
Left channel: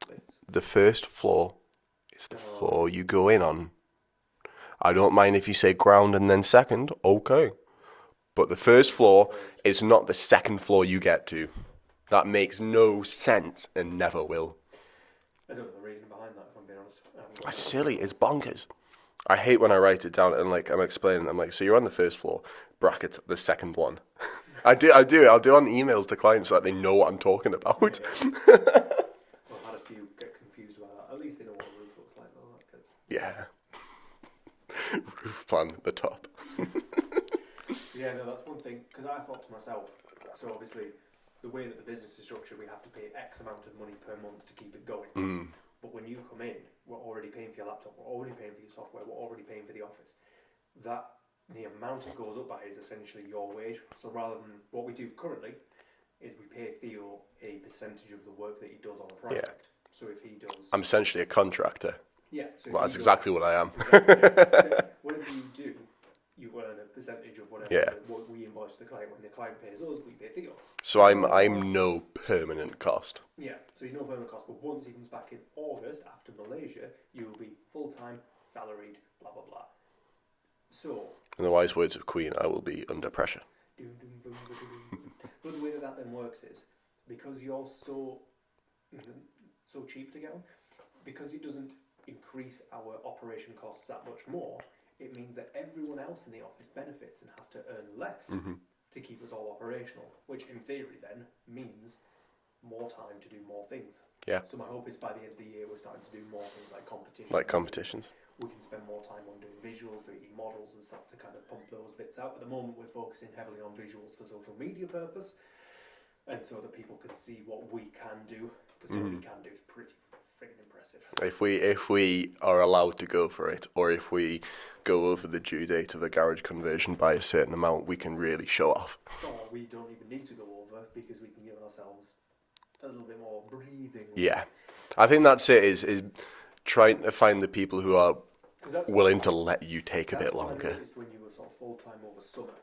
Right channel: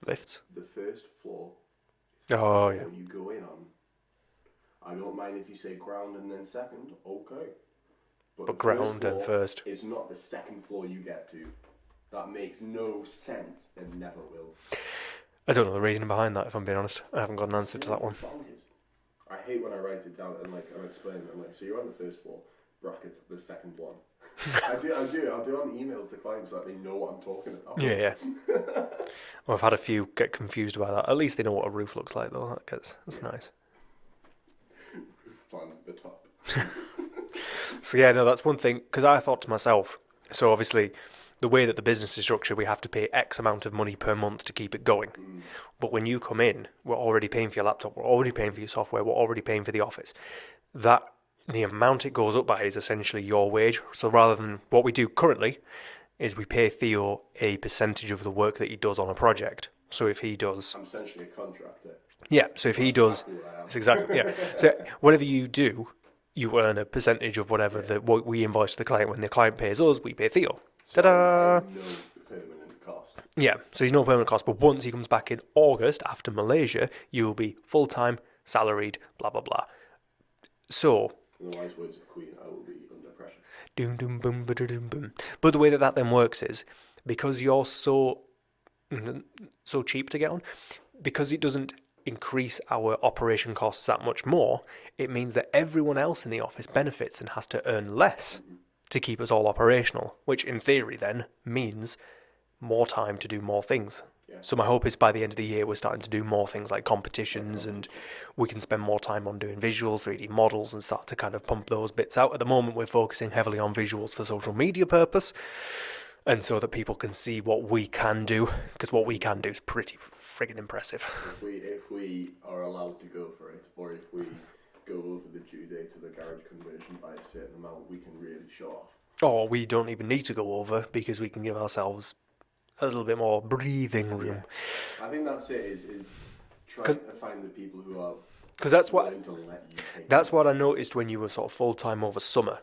Lifts. The first floor is the floor you go in on. I don't mind if you say ground and then second, okay. But the first floor is not the second floor you get to. That makes no sense and never will. I don't know the reason behind that, if I'm being honest. I haven't got an answer to that. It's bonkers. I hate when I write it down and like I'm explaining. I'm like, so you're on the first floor, bracket the second one. I do. I'll do on emails to clients so that they know what I'm talking about. Yeah. Well, I've had a few get confused about that. At least they know what a roof looks like, though. That's nice. Roof plan at the top. So yeah, no, that's one thing. Because I thought to myself, so obviously, the way that the business is structured, we have to pay X amount of money per month to keep it going. But when you come in, we're already paying for your laptop, we're already paying for your software, we're already paying for the office. That the amount it goes up by is essentially your wage. So rather than what we do currently, is we pay Theo a percentage of the work that he does on a project. Yeah. So if he does... I'm essentially a contractor. Yeah, so if he does... exactly what I am. Exactly, yeah. So whatever you do, you earn a percentage of whatever what we invoice to the client. When the client pays us, we pay Theo. So I'm no permanent cost. Yeah, so he's no permanent cost. But once he comes back in August, after Malaysia, you will be full-time, salaried, blah, blah, blah. So... In the wise words of Queen, I will be under pressure. Doom, doom, boom, ba-da-doom, boom. But the way that then works is, because you're so cheap to get on, because it doesn't increase our operation costs that much more, it means that everyone else in the office benefits and has to earn less to keep us all operational, which in theory then means more time to do more things. Yeah. So my hope is by the end of the year we're starting to do more things like competitions. And we can spend more time on doing visuals, 3D models, and start to kind of pump those bits out. At the moment we're focusing heavily on visuals for social media purpose, and so that people can see what we can do, because what we can do is pretty friggin' impressive. If we are allowed to go for it, or if we go over the due date of a garage conversion by a certain amount, we can really show off. Or we don't even need to go over, because we can give ourselves a little bit more breathing room. Yeah, I think that's it. Is trying to find the people who are willing to let you take. That's what I noticed when you were sort of full time over summer.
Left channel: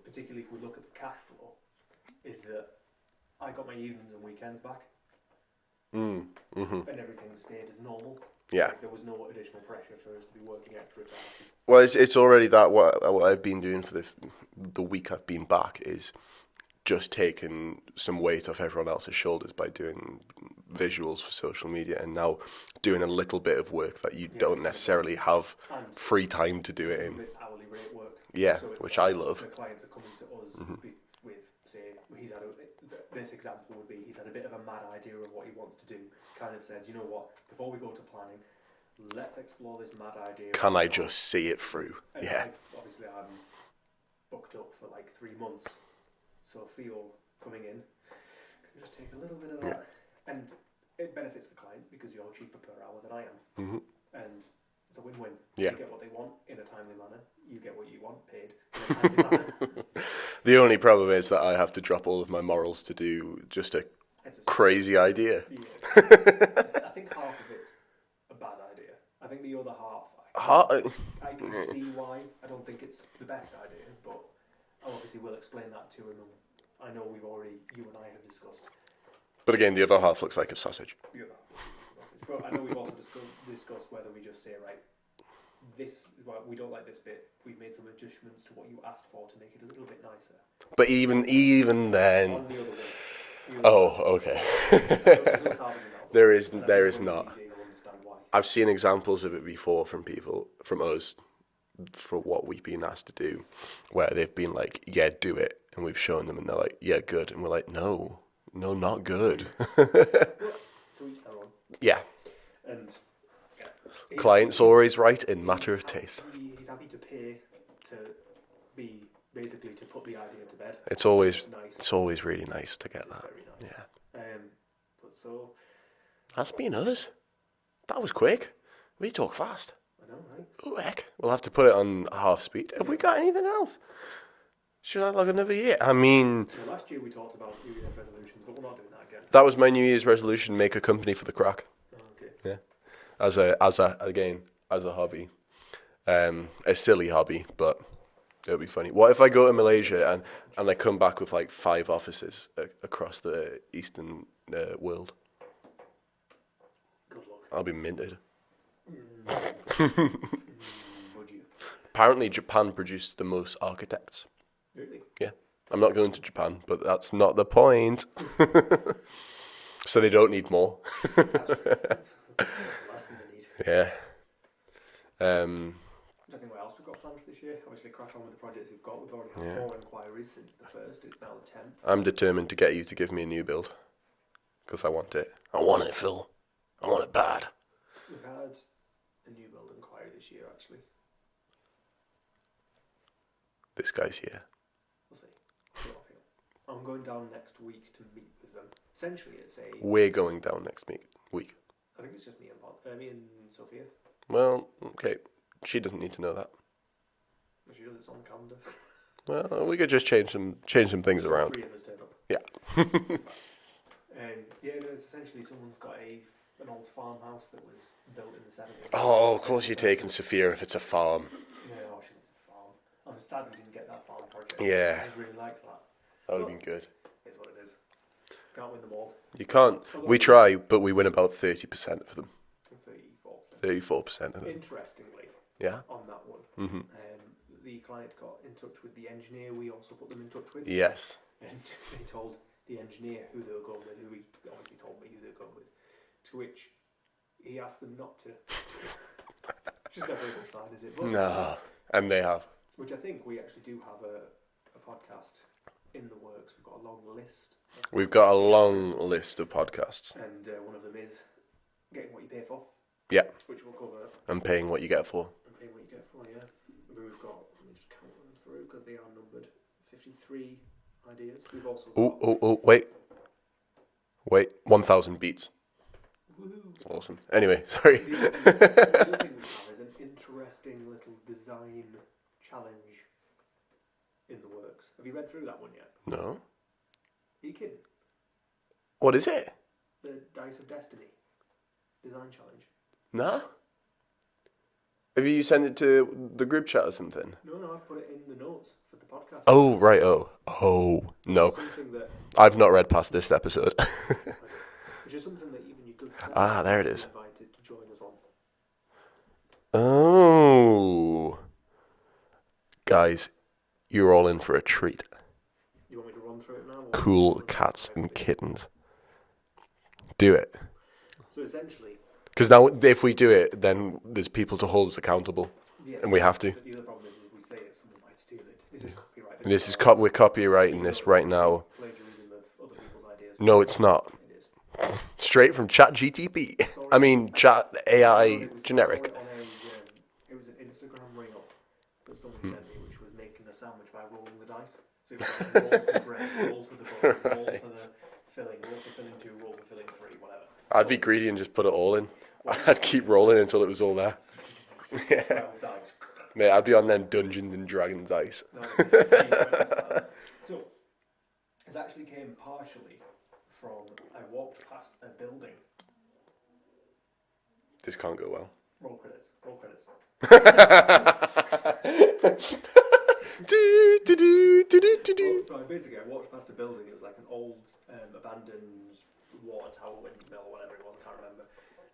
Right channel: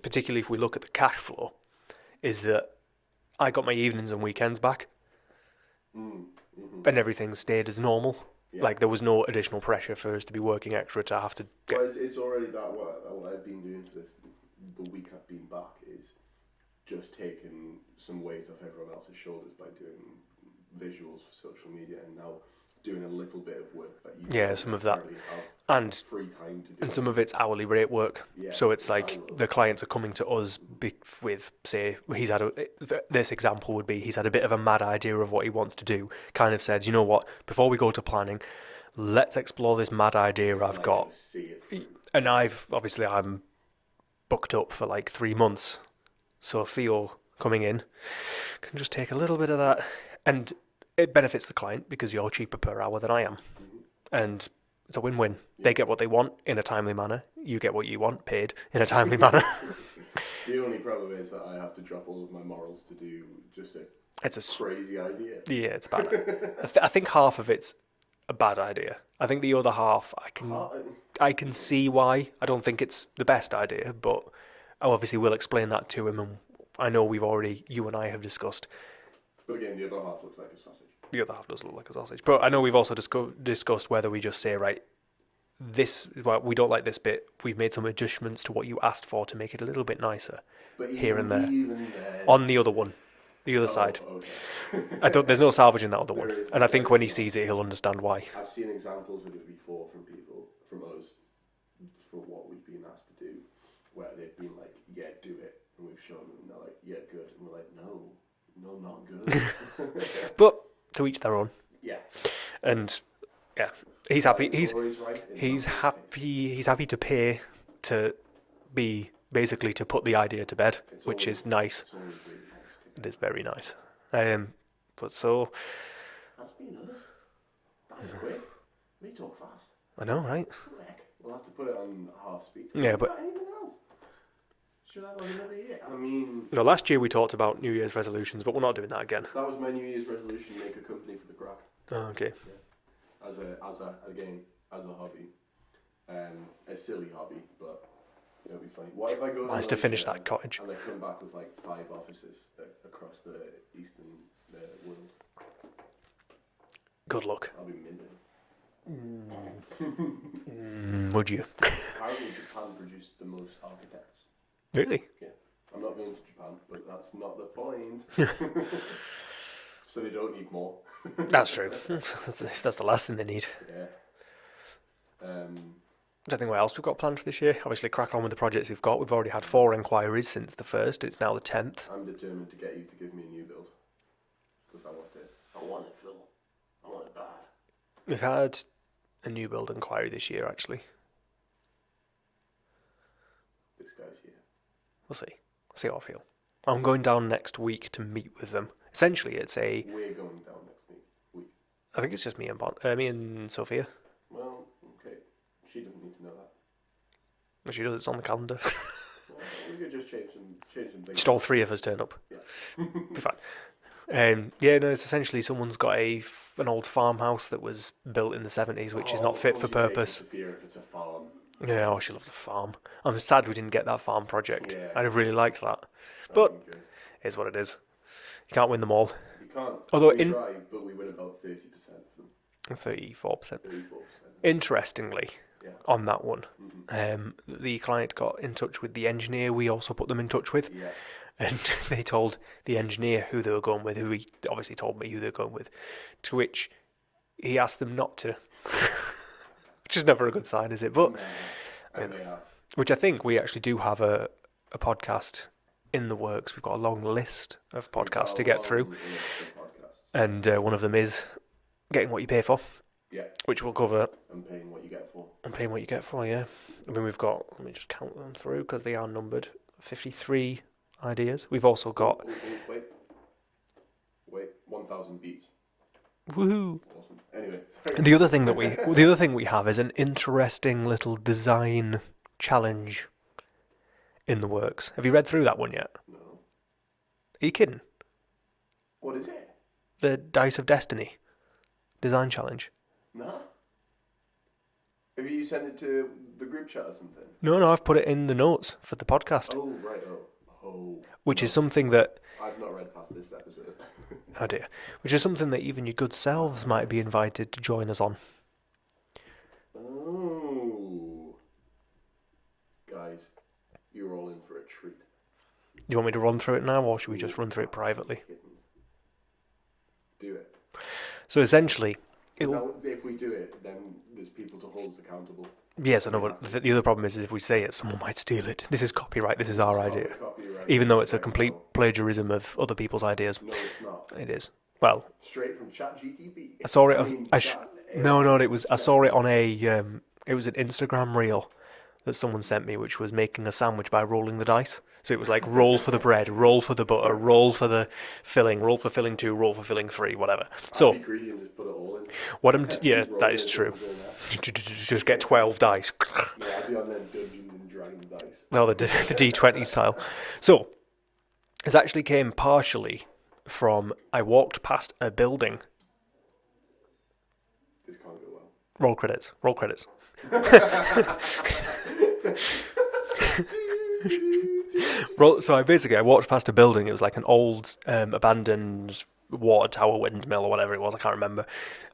Particularly if we look at the cash flow, is that I got my evenings and weekends back, and everything stayed as normal. Yeah, like there was no additional pressure for us to be working extra to have to. Well, it's already that what I've been doing for the week I've been back is just taking some weight off everyone else's shoulders by doing visuals for social media, and now doing a little bit of work that you don't necessarily have and free time to do. And some of it's hourly rate work. Yeah, so it's like the clients are coming to us with, say, this example would be he's had a bit of a mad idea of what he wants to do. Kind of said, you know what, before we go to planning, let's explore this mad idea. Can I just see it through? And I'm booked up for like 3 months. So Theo coming in can just take a little bit of that, and it benefits the client because you're cheaper per hour than I am. Mm-hmm. And it's a win-win. Yeah. They get what they want in a timely manner. You get what you want paid in a timely manner. The only problem is that I have to drop all of my morals to do just a crazy idea. Yeah, it's bad. I think half of it's a bad idea. I think the other half, I can see why. I don't think it's the best idea, but I obviously will explain that to him. And I know you and I have discussed. But again, the other half looks like a sausage. The other half does look like a sausage. But I know we've also discussed whether we just say, right, we don't like this bit. We've made some adjustments to what you asked for to make it a little bit nicer. But even then... On the other one. The other side. Oh, okay. There's no salvaging that other There one. is, and I think when he not. sees it, he'll understand why. I've seen examples of it before from us, for what we've been asked to do, where they've been like, yeah, do it. And we've shown them and they're like, yeah, good. And we're like, no, not good. But to each their own. Yeah. And yeah, he's Client's happy. always right in matter of taste. He's happy to pay to be basically to put the idea to bed. Which is nice. It's always really nice to get. It is very nice. Yeah. But so that's been us. That was quick. We talk fast. I know, right? Oh heck, we'll have to put it on half speed. Have we got anything else? Should I log another year? I mean... No, last year we talked about New Year's resolutions, but we're not doing that again. That was my New Year's resolution, make a company for the crack. Oh, okay. Yeah. As a hobby. A silly hobby, but it'll be funny. What if I go to Malaysia and I come back with like 5 offices across the Eastern world? Good luck. I'll be minted. Would you? Apparently Japan produced the most architects. Really? Yeah. I'm not going to Japan, but that's not the point. So they don't need more. That's true. That's the last thing they need. Yeah. I don't think what else we've got planned for this year. Obviously, crack on with the projects we've got. We've already had 4 inquiries since the 1st. It's now the 10th. I'm determined to get you to give me a new build. Because I want it. I want it, Phil. I want it bad. We've had a new build inquiry this year, actually. This guy's here. We'll see. See how I feel. I'm going down next week to meet with them. Essentially, it's a... We're going down next week. I think it's just me and Sophia. Well, okay. She doesn't need to know that. Well, she does. It's on the calendar. Well, we could just change some things Just all around. 3 of us turn up. Yeah. In fact. It's essentially someone's got an old farmhouse that was built in the 70s, which is not fit for purpose. Of course you're taking Sophia if it's a farm. Yeah, she loves a farm. I'm sad we didn't get that farm project. Yeah. I'd have really liked that. That would be good. It's what it is. You can't win them all. You can't. Although we try, but we win about 30% of them. 34%. 34% of them. Interestingly, on that one, the client got in touch with the engineer we also put them in touch with. Yes. And they told the engineer who they were going with, who he obviously told me who they were going with, to which he asked them not to. Which is never a good sign, is it? But no. And they have. Which I think we actually do have a podcast in the works. We've got a long list of podcasts to get through. We've got a long list of podcasts. And one of them is Getting What You Pay For. Yeah. Which we'll cover. And Paying What You Get For. And Paying What You Get For, yeah. I mean, we've got, let me just count them through because they are numbered. 53 ideas. We've also got... Wait. 1,000 beats. Woohoo! Awesome. Anyway, sorry. The other thing we have is an interesting little design challenge in the works. Have you read through that one yet? No. Are you kidding? What is it? The Dice of Destiny design challenge. No. Have you sent it to the group chat or something? No, I've put it in the notes for the podcast. Oh, right, Which is something that... I've not read past this episode. Oh dear. Which is something that even your good selves might be invited to join us on. Oh. Guys, you're all in for a treat. Do you want me to run through it now, or cool should we just run cats through it privately? And kittens. Do it. So essentially... Because now, if we do it, then there's people to hold us accountable. Yes, and we have to. The other problem is if we say it, someone might steal it. This is copyright. This is our idea. We're copyrighting even though it's right a complete now. Plagiarism of other people's ideas. No, it's not. It is. Well, straight from ChatGTP. I saw it. Chat AI. No, it was. Generic. I saw it on a. It was an Instagram reel that someone sent me, which was making a sandwich by rolling the dice. So it was like roll for the bread, roll for the butter, roll for the filling, roll for filling 2, roll for filling 3, whatever. I'd be greedy and just put it all in. What I'd keep rolling until it was all there. Just get 12 dice. Mate, I'd be on them Dungeons and Dragons dice. No, the D20 style. So this actually came partially from I walked past a building. This can't go well. Roll credits. Roll credits. So I walked past a building. It was like an old abandoned water tower, windmill, or whatever it was. I can't remember.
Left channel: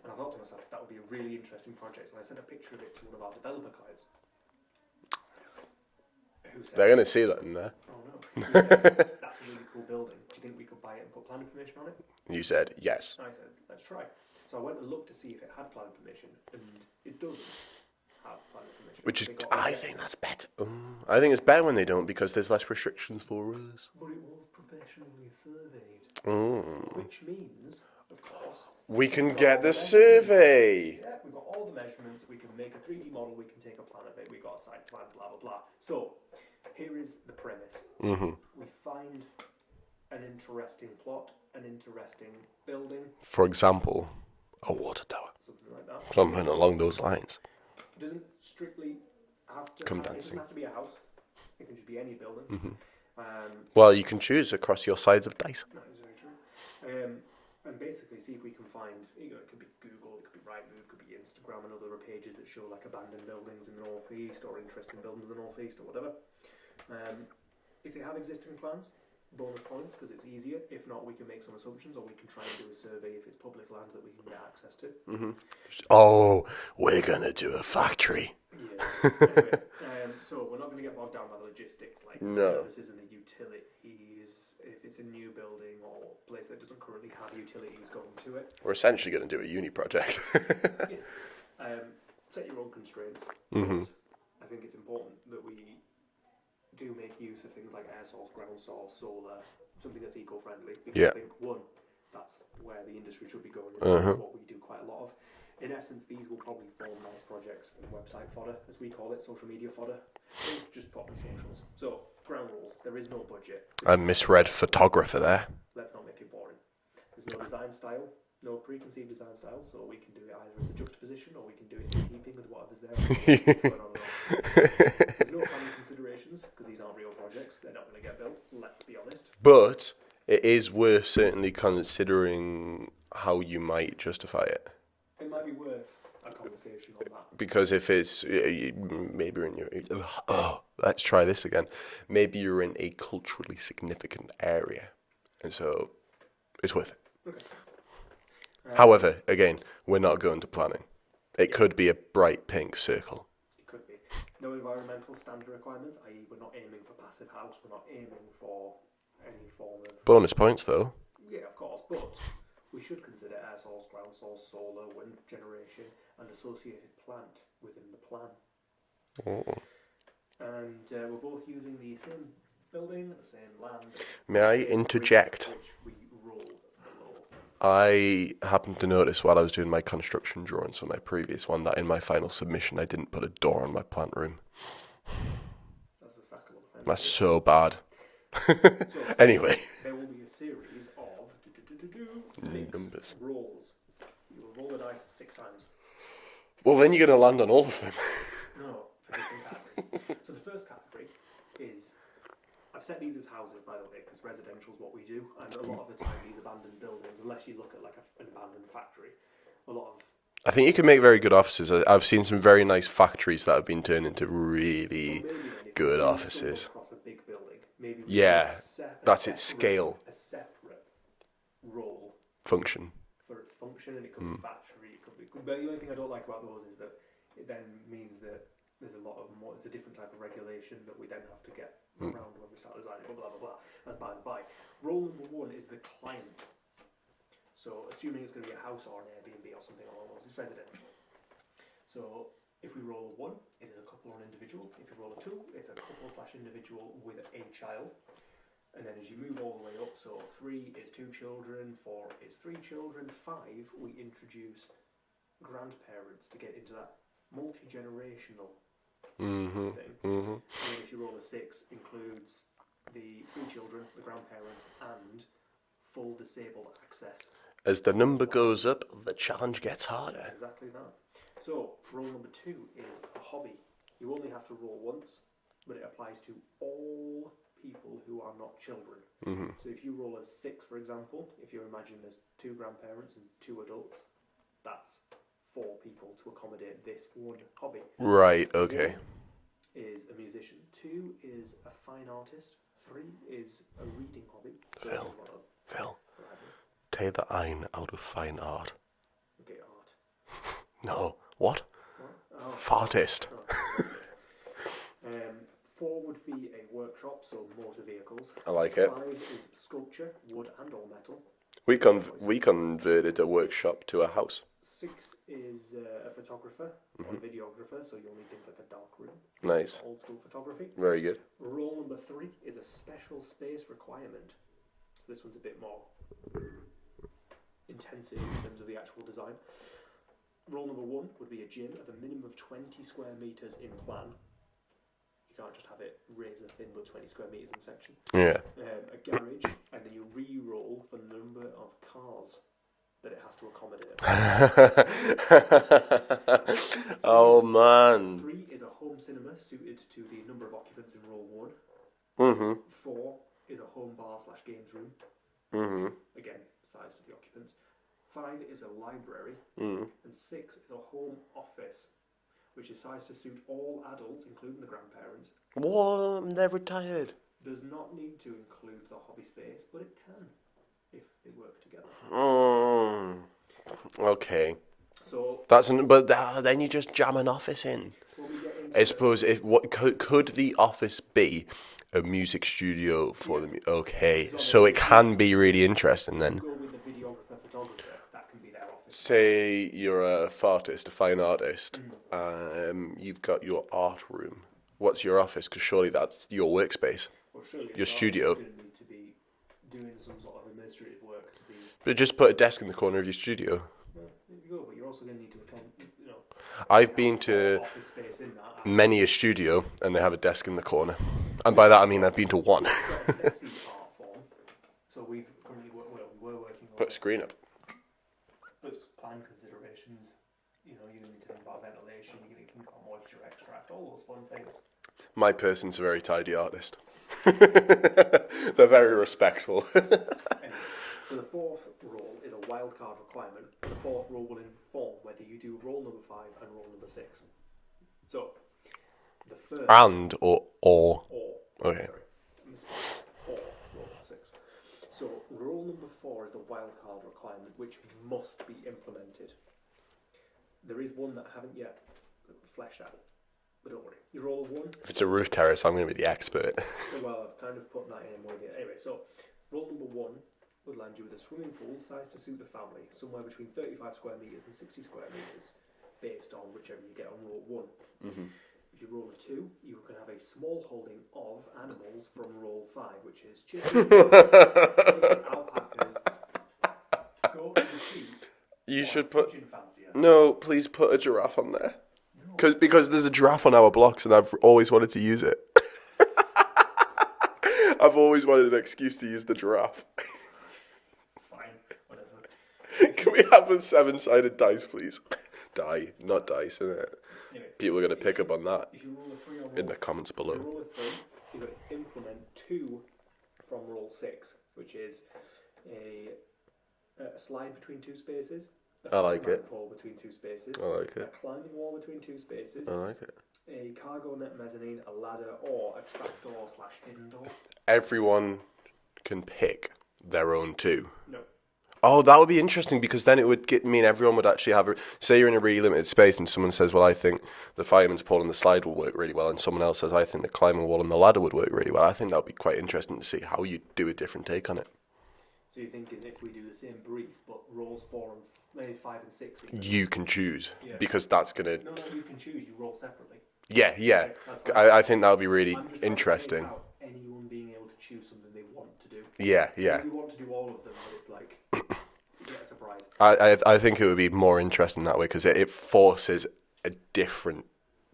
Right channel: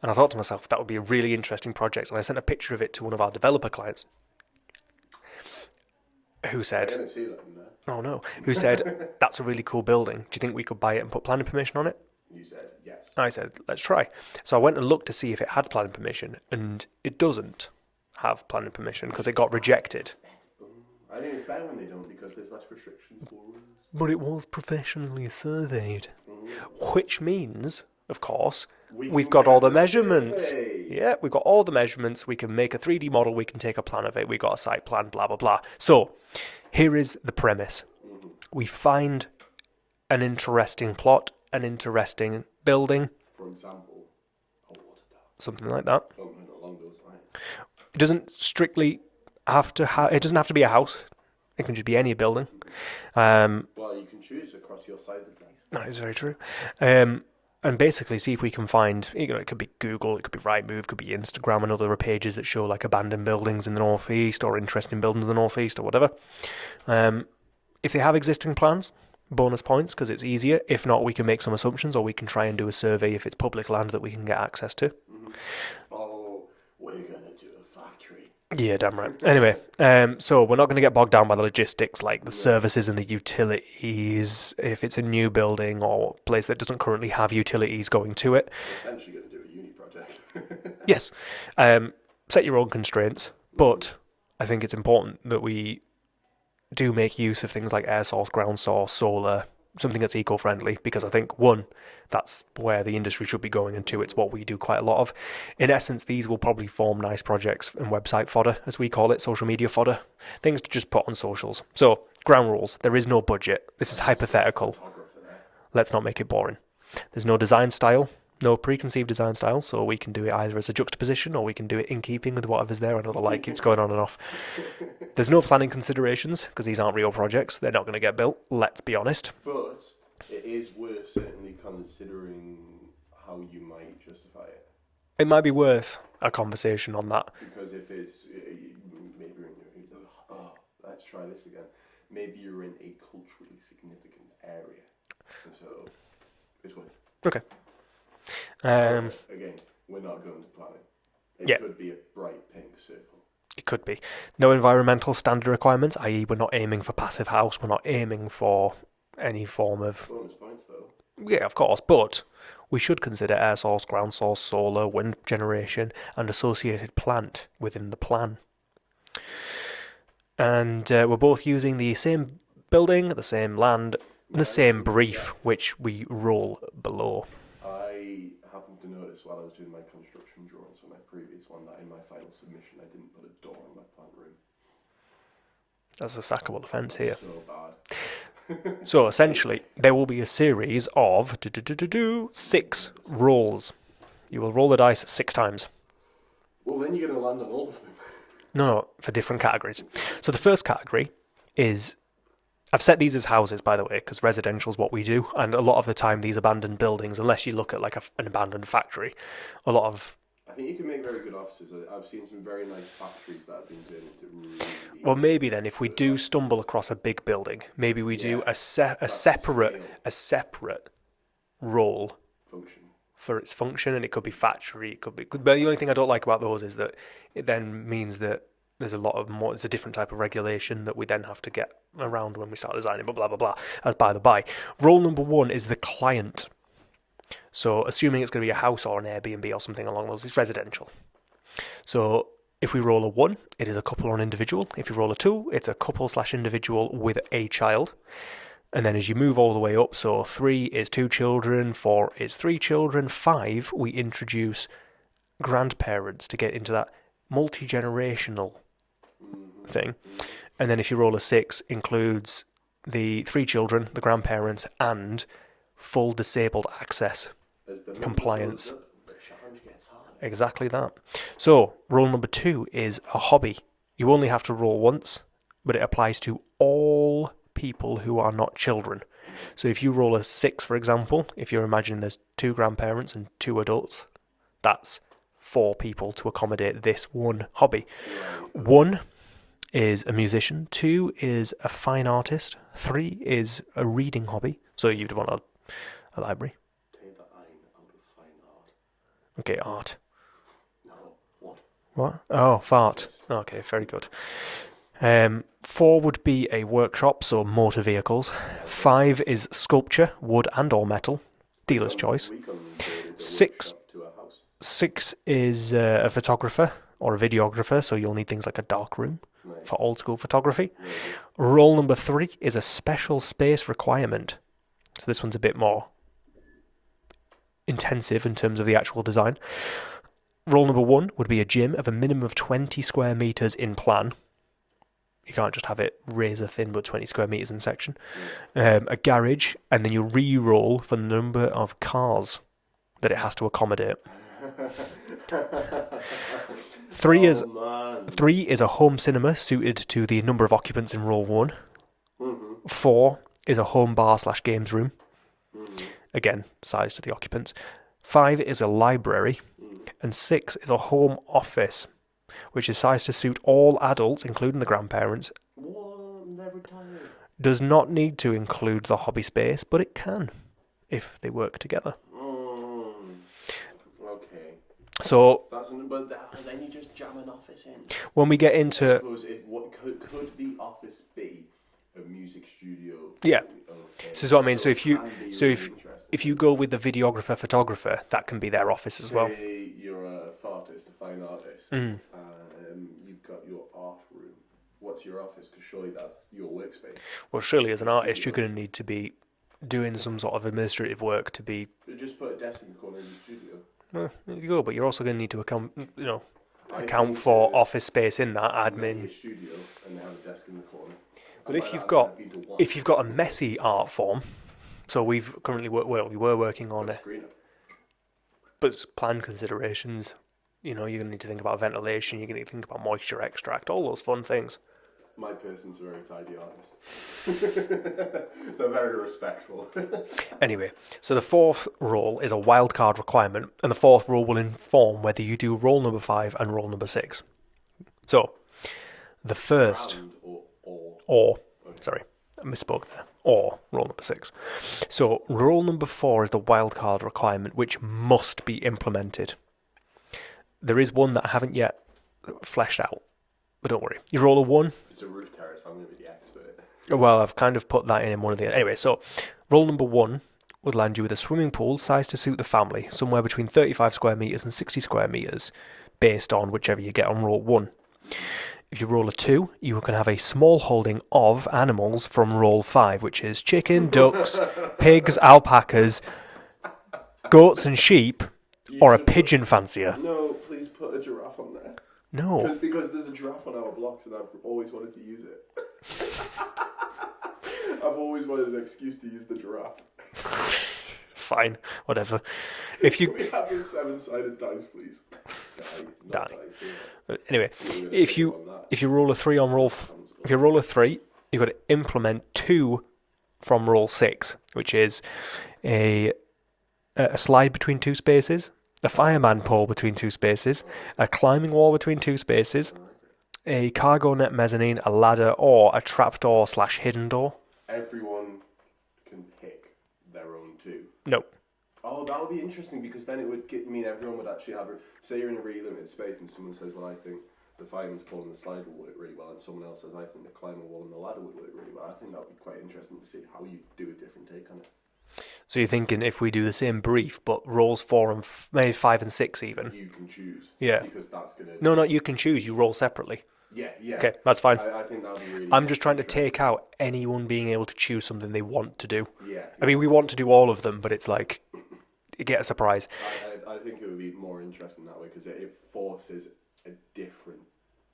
And I thought to myself, that would be a really interesting project. And I sent a picture of it to one of our developer clients, who said, "They're going to see that in there." Oh no! Who said, "That's a really cool building. Do you think we could buy it and put planning permission on it?" You said yes. I said, "Let's try." So I went and looked to see if it had planning permission, and it doesn't have planning permission because it got rejected. I think it's better when they don't because there's less restrictions for us. But it was professionally surveyed, which means, of course, we've got all the measurements. Survey. Yeah, we've got all the measurements. We can make a 3D model. We can take a plan of it. We've got a site plan, blah, blah, blah. So here is the premise. We find an interesting plot, an interesting building. For example, a water tower. Something like that. Something along those lines. It doesn't strictly have to it doesn't have to be a house. It can just be any building. Well, you can choose across your sides of dice. That is very true. And basically see if we can find, it could be Google, it could be Rightmove, it could be Instagram and other pages that show like abandoned buildings in the northeast or interesting buildings in the northeast or whatever. If they have existing plans, bonus points because it's easier. If not, we can make some assumptions or we can try and do a survey if it's public land that we can get access to. Oh, we're going to do a factory. Yeah, damn right. Anyway, so we're not going to get bogged down by the logistics like the services and the utilities. If it's a new building or place that doesn't currently have utilities going to it. We're essentially going to do a uni project. Yes. Set your own constraints, but I think it's important that we do make use of things like air source, ground source, solar, something that's eco-friendly, because I think, one, that's where the industry should be going into. It's what we do quite a lot of. In essence, these will probably form nice projects and website fodder, as we call it, social media fodder, things to just put on socials. So, ground rules. There is no budget. This is hypothetical. Photographer there. Let's not make it boring. There's no design style. No preconceived design style, so we can do it either as a juxtaposition or we can do it in keeping with whatever's there. I don't know why it keeps going on and off. There's no planning considerations because these aren't real projects. They're not going to get built, let's be honest. But it is worth certainly considering how you might justify it. It might be worth a conversation on that. Because if it's, maybe you're in your, let's try this again. Maybe you're in a culturally significant area. And so it's worth it. Okay. However, again, we're not going to planning. It could be a bright pink circle. It could be. No environmental standard requirements, i.e. we're not aiming for passive house, we're not aiming for any form of... Bonus points, though. Yeah, of course, but we should consider air source, ground source, solar, wind generation, and associated plant within the plan. And we're both using the same building, the same land, the same brief, which we roll below. I happened to notice while I was doing my construction drawings on my previous one that in my final submission I didn't put a door on my plant room. That's a sackable offence That's here. so bad. So essentially, there will be a series of 6 rolls. You will roll the dice 6 times. Well, then you're going to land on all of them. No, for different categories. So the first category is... I've set these as houses, by the way, because residential is what we do. And a lot of the time, these abandoned buildings, unless you look at like an abandoned factory, a lot of... I think you can make very good offices. I've seen some very nice factories that have been turned into really... Or maybe then, if we do offices. Stumble across a big building, maybe we do a separate role function for its function, and it could be factory, it could be... But the only thing I don't like about those is that it then means that there's a lot of more, it's a different type of regulation that we then have to get around when we start designing, but blah, blah, blah, as by the by. Role number 1 is the client. So assuming it's going to be a house or an Airbnb or something along those, it's residential. So if we roll a 1, it is a couple or an individual. If you roll a 2, it's a couple/individual with a child. And then as you move all the way up, so 3 is 2 children, 4 is 3 children, 5, we introduce grandparents to get into that multi-generational thing. And then if you roll a 6, includes the 3 children, the grandparents, and full disabled access. As the number Compliance. goes up, the challenge gets harder. Exactly that. So, rule number 2 is a hobby. You only have to roll once, but it applies to all people who are not children. So if you roll a 6, for example, if you're imagining there's 2 grandparents and 2 adults, that's 4 people to accommodate this one hobby. Right, okay. 1 is a musician, 2 is a fine artist, 3 is a reading hobby. So you'd want a library. Take the ein out of fine art. Okay, art. No. What? What? Oh, fart. Artist. Okay, very good. 4 would be a workshop, so motor vehicles. I like it. 5 is sculpture, wood and or metal. Dealer's choice. We converted a 6 workshop to a house. 6 is a photographer or a videographer, so you'll need things like a dark room Nice. for old school photography. Very good. Role number 3 is a special space requirement. So this one's a bit more intensive in terms of the actual design. Role number 1 would be a gym of a minimum of 20 square meters in plan. You can't just have it razor thin, but 20 square meters in section. Yeah. A garage, and then you re-roll for the number of cars that it has to accommodate. 3 is man. 3 is a home cinema suited to the number of occupants in roll 1. 4 is a home bar / games room. Again, size to the occupants. 5 is a library, and 6 is a home office, which is sized to suit all adults, including the grandparents. What? They're retired. Does not need to include the hobby space, but it can, if they work together. Okay. So then you just jam an office in. when we get I into... suppose could the office be a music studio for them? Okay. This is what I mean. So So it if can you- be so really if- interesting If then. you go with the videographer, photographer, that can be their office as well. Say you're a fartist, a fine artist. You've got your art room. What's your office? Because surely that's your workspace. Well, surely as an Your artist, studio. you're going to need to be doing some sort of administrative work to be... But just put a desk in the corner of your studio. Well, there you go, but you're also going to need to account I've been account for to office space in that. many a studio, and they have a desk in the corner. And If by that I you've mean got- I've been to one. If you've got a messy art form, so we were working on Put the it, screen up. but it's plan considerations. You're going to need to think about ventilation, you're going to think about moisture extract, all those fun things. My person's a very tidy artist. They're very respectful. Anyway, so the 4th role is a wild card requirement, and the 4th role will inform whether you do role number 5 and role number 6. So, the first... And or. Okay. Sorry, I misspoke. Or role number 6. So, role number 4 is the wild card requirement, which must be implemented. There is one that I haven't yet fleshed out, but don't worry. You roll a 1. If it's a roof terrace, I'm going to be the expert. Well, I've kind of put that in one of the... Anyway, so role number 1 would land you with a swimming pool sized to suit the family, somewhere between 35 square metres and 60 square metres, based on whichever you get on roll 1. If you roll a 2, you can have a small holding of animals from roll 5, which is chicken, ducks, pigs, alpacas, goats and sheep, or a should pigeon fancier. No, please put a giraffe on there. No. Because there's a giraffe on our blocks and I've always wanted to use it. I've always wanted an excuse to use the giraffe. Fine, whatever. Can we have a 7-sided dice, please? Not Die. dice, isn't it? Anyway, People are going to if pick you up on that. if you roll a 3 on roll, Comments below. if you roll a 3, you've got to implement 2 from roll 6, which is a slide between 2 spaces, a fireman pole between 2 spaces, a climbing wall between 2 spaces, a cargo net mezzanine, a ladder, or a trapdoor / hidden door. Everyone can pick their own 2. No. Oh, that would be interesting because then it would mean everyone would actually have... Say you're in a really limited space and someone says, well, I think the fireman's pole and the slide will work really well, and someone else says, I think the climbing wall and the ladder would work really well. I think that would be quite interesting to see how you do a different take on it. So you're thinking if we do the same brief, but rolls 4 and maybe 5 and 6 even? You can choose. Yeah. Because that's going to... No, you can choose. You roll separately. Yeah. Okay, that's fine. I think that would be really I'm just trying to interesting. take out anyone being able to choose something they want to do. Yeah. I mean, we want to do all of them, but it's like, you get a surprise. I think it would be more interesting that way because it forces a different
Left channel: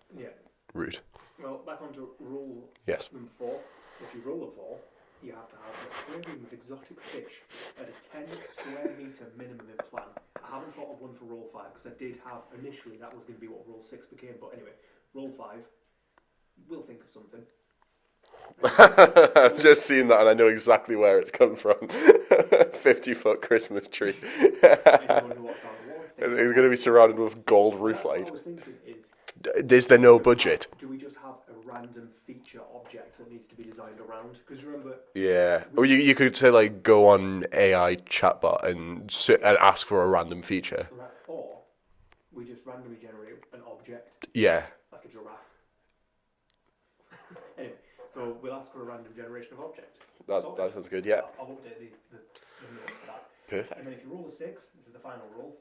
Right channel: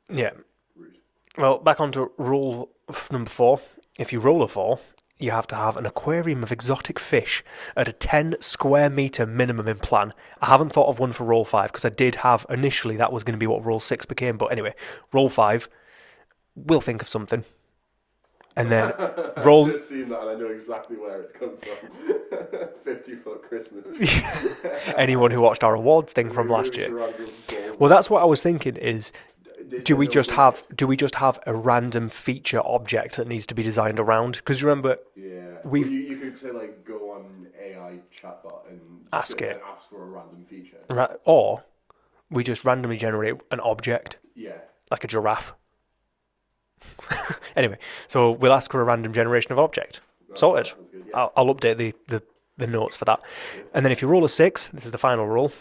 Yeah. route. Well, back onto rule number 4. If you roll a 4, you have to have an aquarium of exotic fish at a 10 square metre minimum in plan. I haven't thought of one for roll 5 because I did have initially that was going to be what roll 6 became. But anyway, roll 5, we'll think of something. And then roll... I've just seen that and I know exactly where it's come from. 50-foot Christmas tree. Anyone who watched our awards thing from last year. It's going to be surrounded with gold. Well, that's what I was thinking is... Do we just have a random feature object that needs to be designed around? Because remember... Yeah. Well, you could say, like, go on AI chatbot and ask for a random feature. Or we just randomly generate an object. Yeah. Like a giraffe. Anyway, so we'll ask for a random generation of object. Sorted. That sounds good, yeah. I'll update the notes for that. Perfect. And then if you roll a 6, this is the final roll,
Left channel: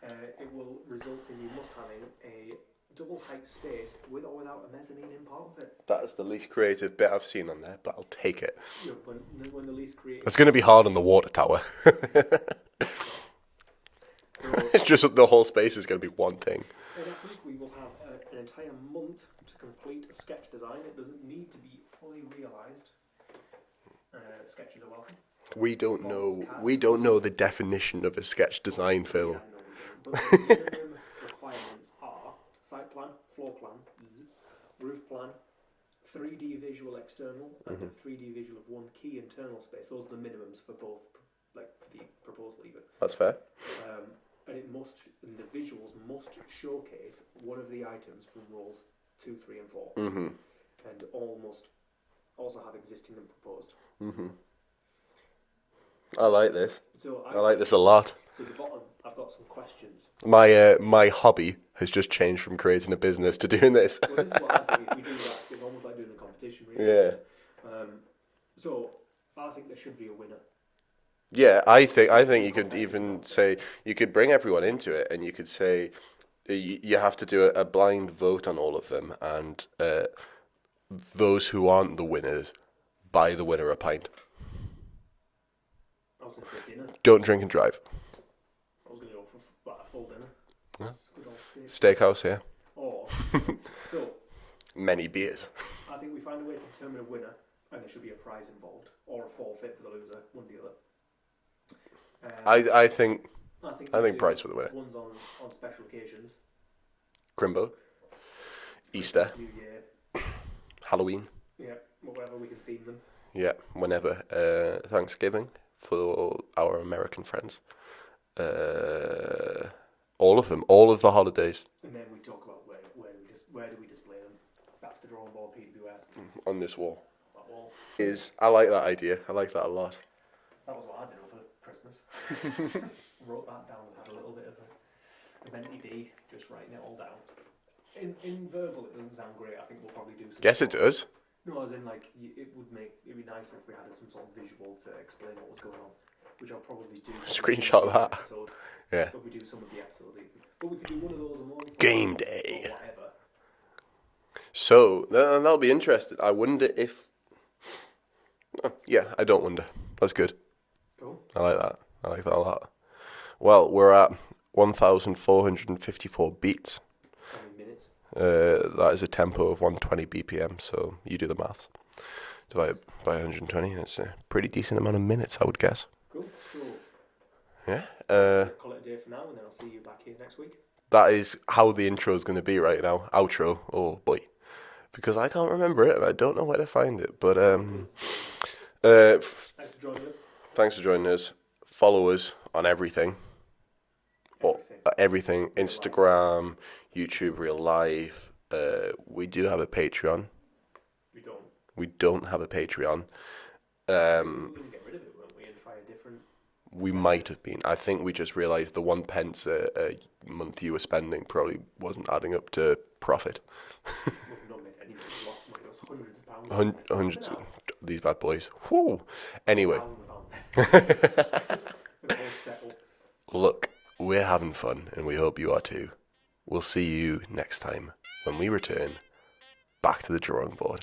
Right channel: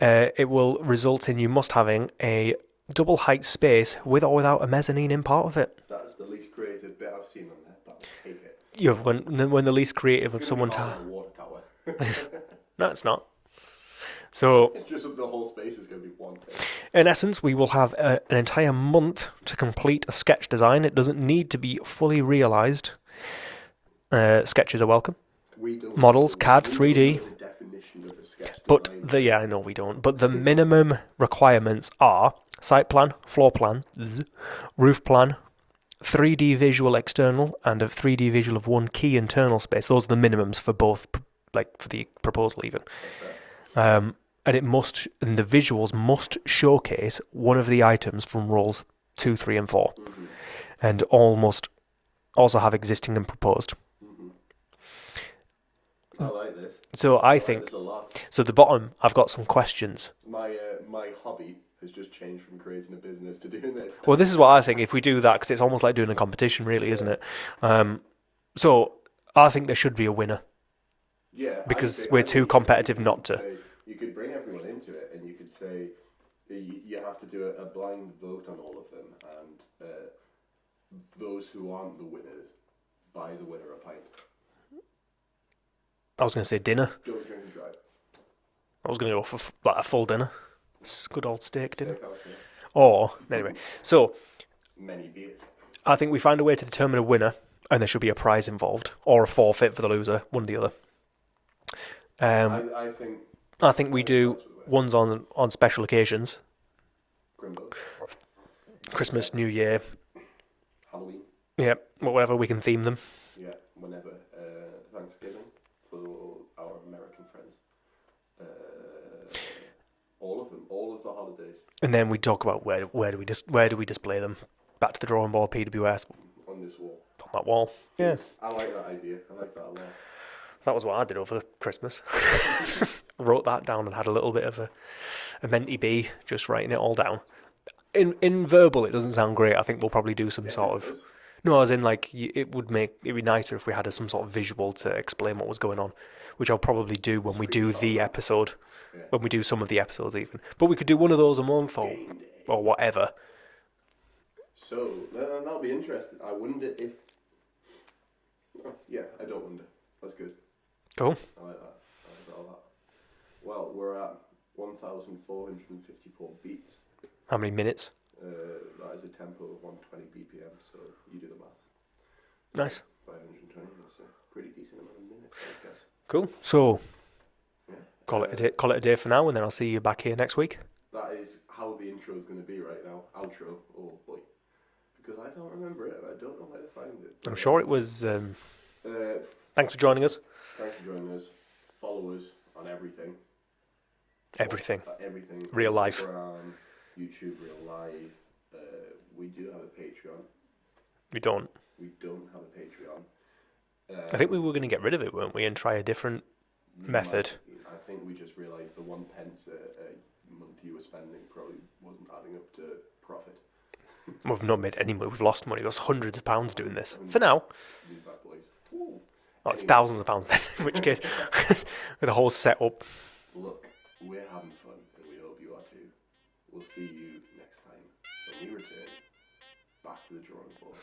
it will result in you must having a double height space with or without a mezzanine in part of it. That is the least creative bit I've seen on there, but I'll take it. When the least creative... It's going to be hard on the water tower. No, it's not. So it's just the whole space is going to be one thing. In essence, we will have an entire month to complete a sketch design. It doesn't need to be fully realised. Sketches are welcome. We don't models, CAD, 3D. We don't know the definition of a sketch design. Yeah, I know we don't. But the minimum requirements are site plan, floor plans, roof plan, 3D visual external, and a 3D visual of one key internal space. Those are the minimums for both, like for the proposal even. That's fair. And the visuals must showcase one of the items from rolls 2, 3, and 4, and all must also have existing and proposed. I like this. So I think like this a lot. So at the bottom, I've got some questions. My hobby has just changed from creating a business to doing this. Well, this is what I think. If we do that, because it's almost like doing a competition, really, isn't it? So I think there should be a winner. Yeah, I think we're too competitive not to. Say, you could bring everyone into it, and you could say you have to do a blind vote on all of them, and those who aren't the winners buy the winner a pint. I was going to say dinner. Don't drink and drive. I was going to go for a full dinner. It's good old steakhouse here. Or anyway, so many beers. I think we find a way to determine a winner, and there should be a prize involved or a forfeit for the loser, one or the other. I think we do ones on special occasions. Crimbo. Christmas, Easter. New Year. Halloween. Yeah, whatever we can theme them. Yeah, whenever. Thanksgiving for our American friends. All of them, all of the holidays. And then we talk about where do we display them? Back to the drawing board, PWS. On this wall. On that wall. Yes, I like that idea. I like that a lot. That was what I did over Christmas. Wrote that down and had a little bit of a mentee bee, just writing it all down. In verbal, it doesn't sound great. I think we'll probably do some. Yes, it does. No, as in like it'd be nicer if we had some sort of visual to explain what was going on, which I'll probably do when we do the episode. Yeah. When we do some of the episodes, even. But we could do one of those a month. Game day or whatever. So that'll be interesting. I wonder if. Oh, yeah, I don't wonder. That's good. Cool. I like that. I like that a lot. Well, we're at 1,454 beats. How many minutes? That is a tempo of 120 BPM, so you do the maths. Divide by 120, and it's a pretty decent amount of minutes, I would guess. Cool. So, yeah. Call it a day for now, and then I'll see you back here next week. That is how the intro is going to be right now. Outro. Oh, boy. Because I can't remember it, and I don't know where to find it. But I'm sure it was... thanks for joining us. Thanks for joining us. Follow us on everything. Everything. Everything. Real Instagram, life. YouTube, real life. We do have a Patreon. We don't. We don't have a Patreon. I think we were going to get rid of it, weren't we, and try a different method. Might have been. I think we just realised the 1 pence a month you were spending probably wasn't adding up to profit. We've not made any money. We've lost money. It was hundreds of pounds doing this. For now. These bad boys. Whoa. Anyway. Thousands of pounds then, in which case, with a whole setup. Look, we're having fun, and we hope you are too. We'll see you next time when we return back to the drawing board.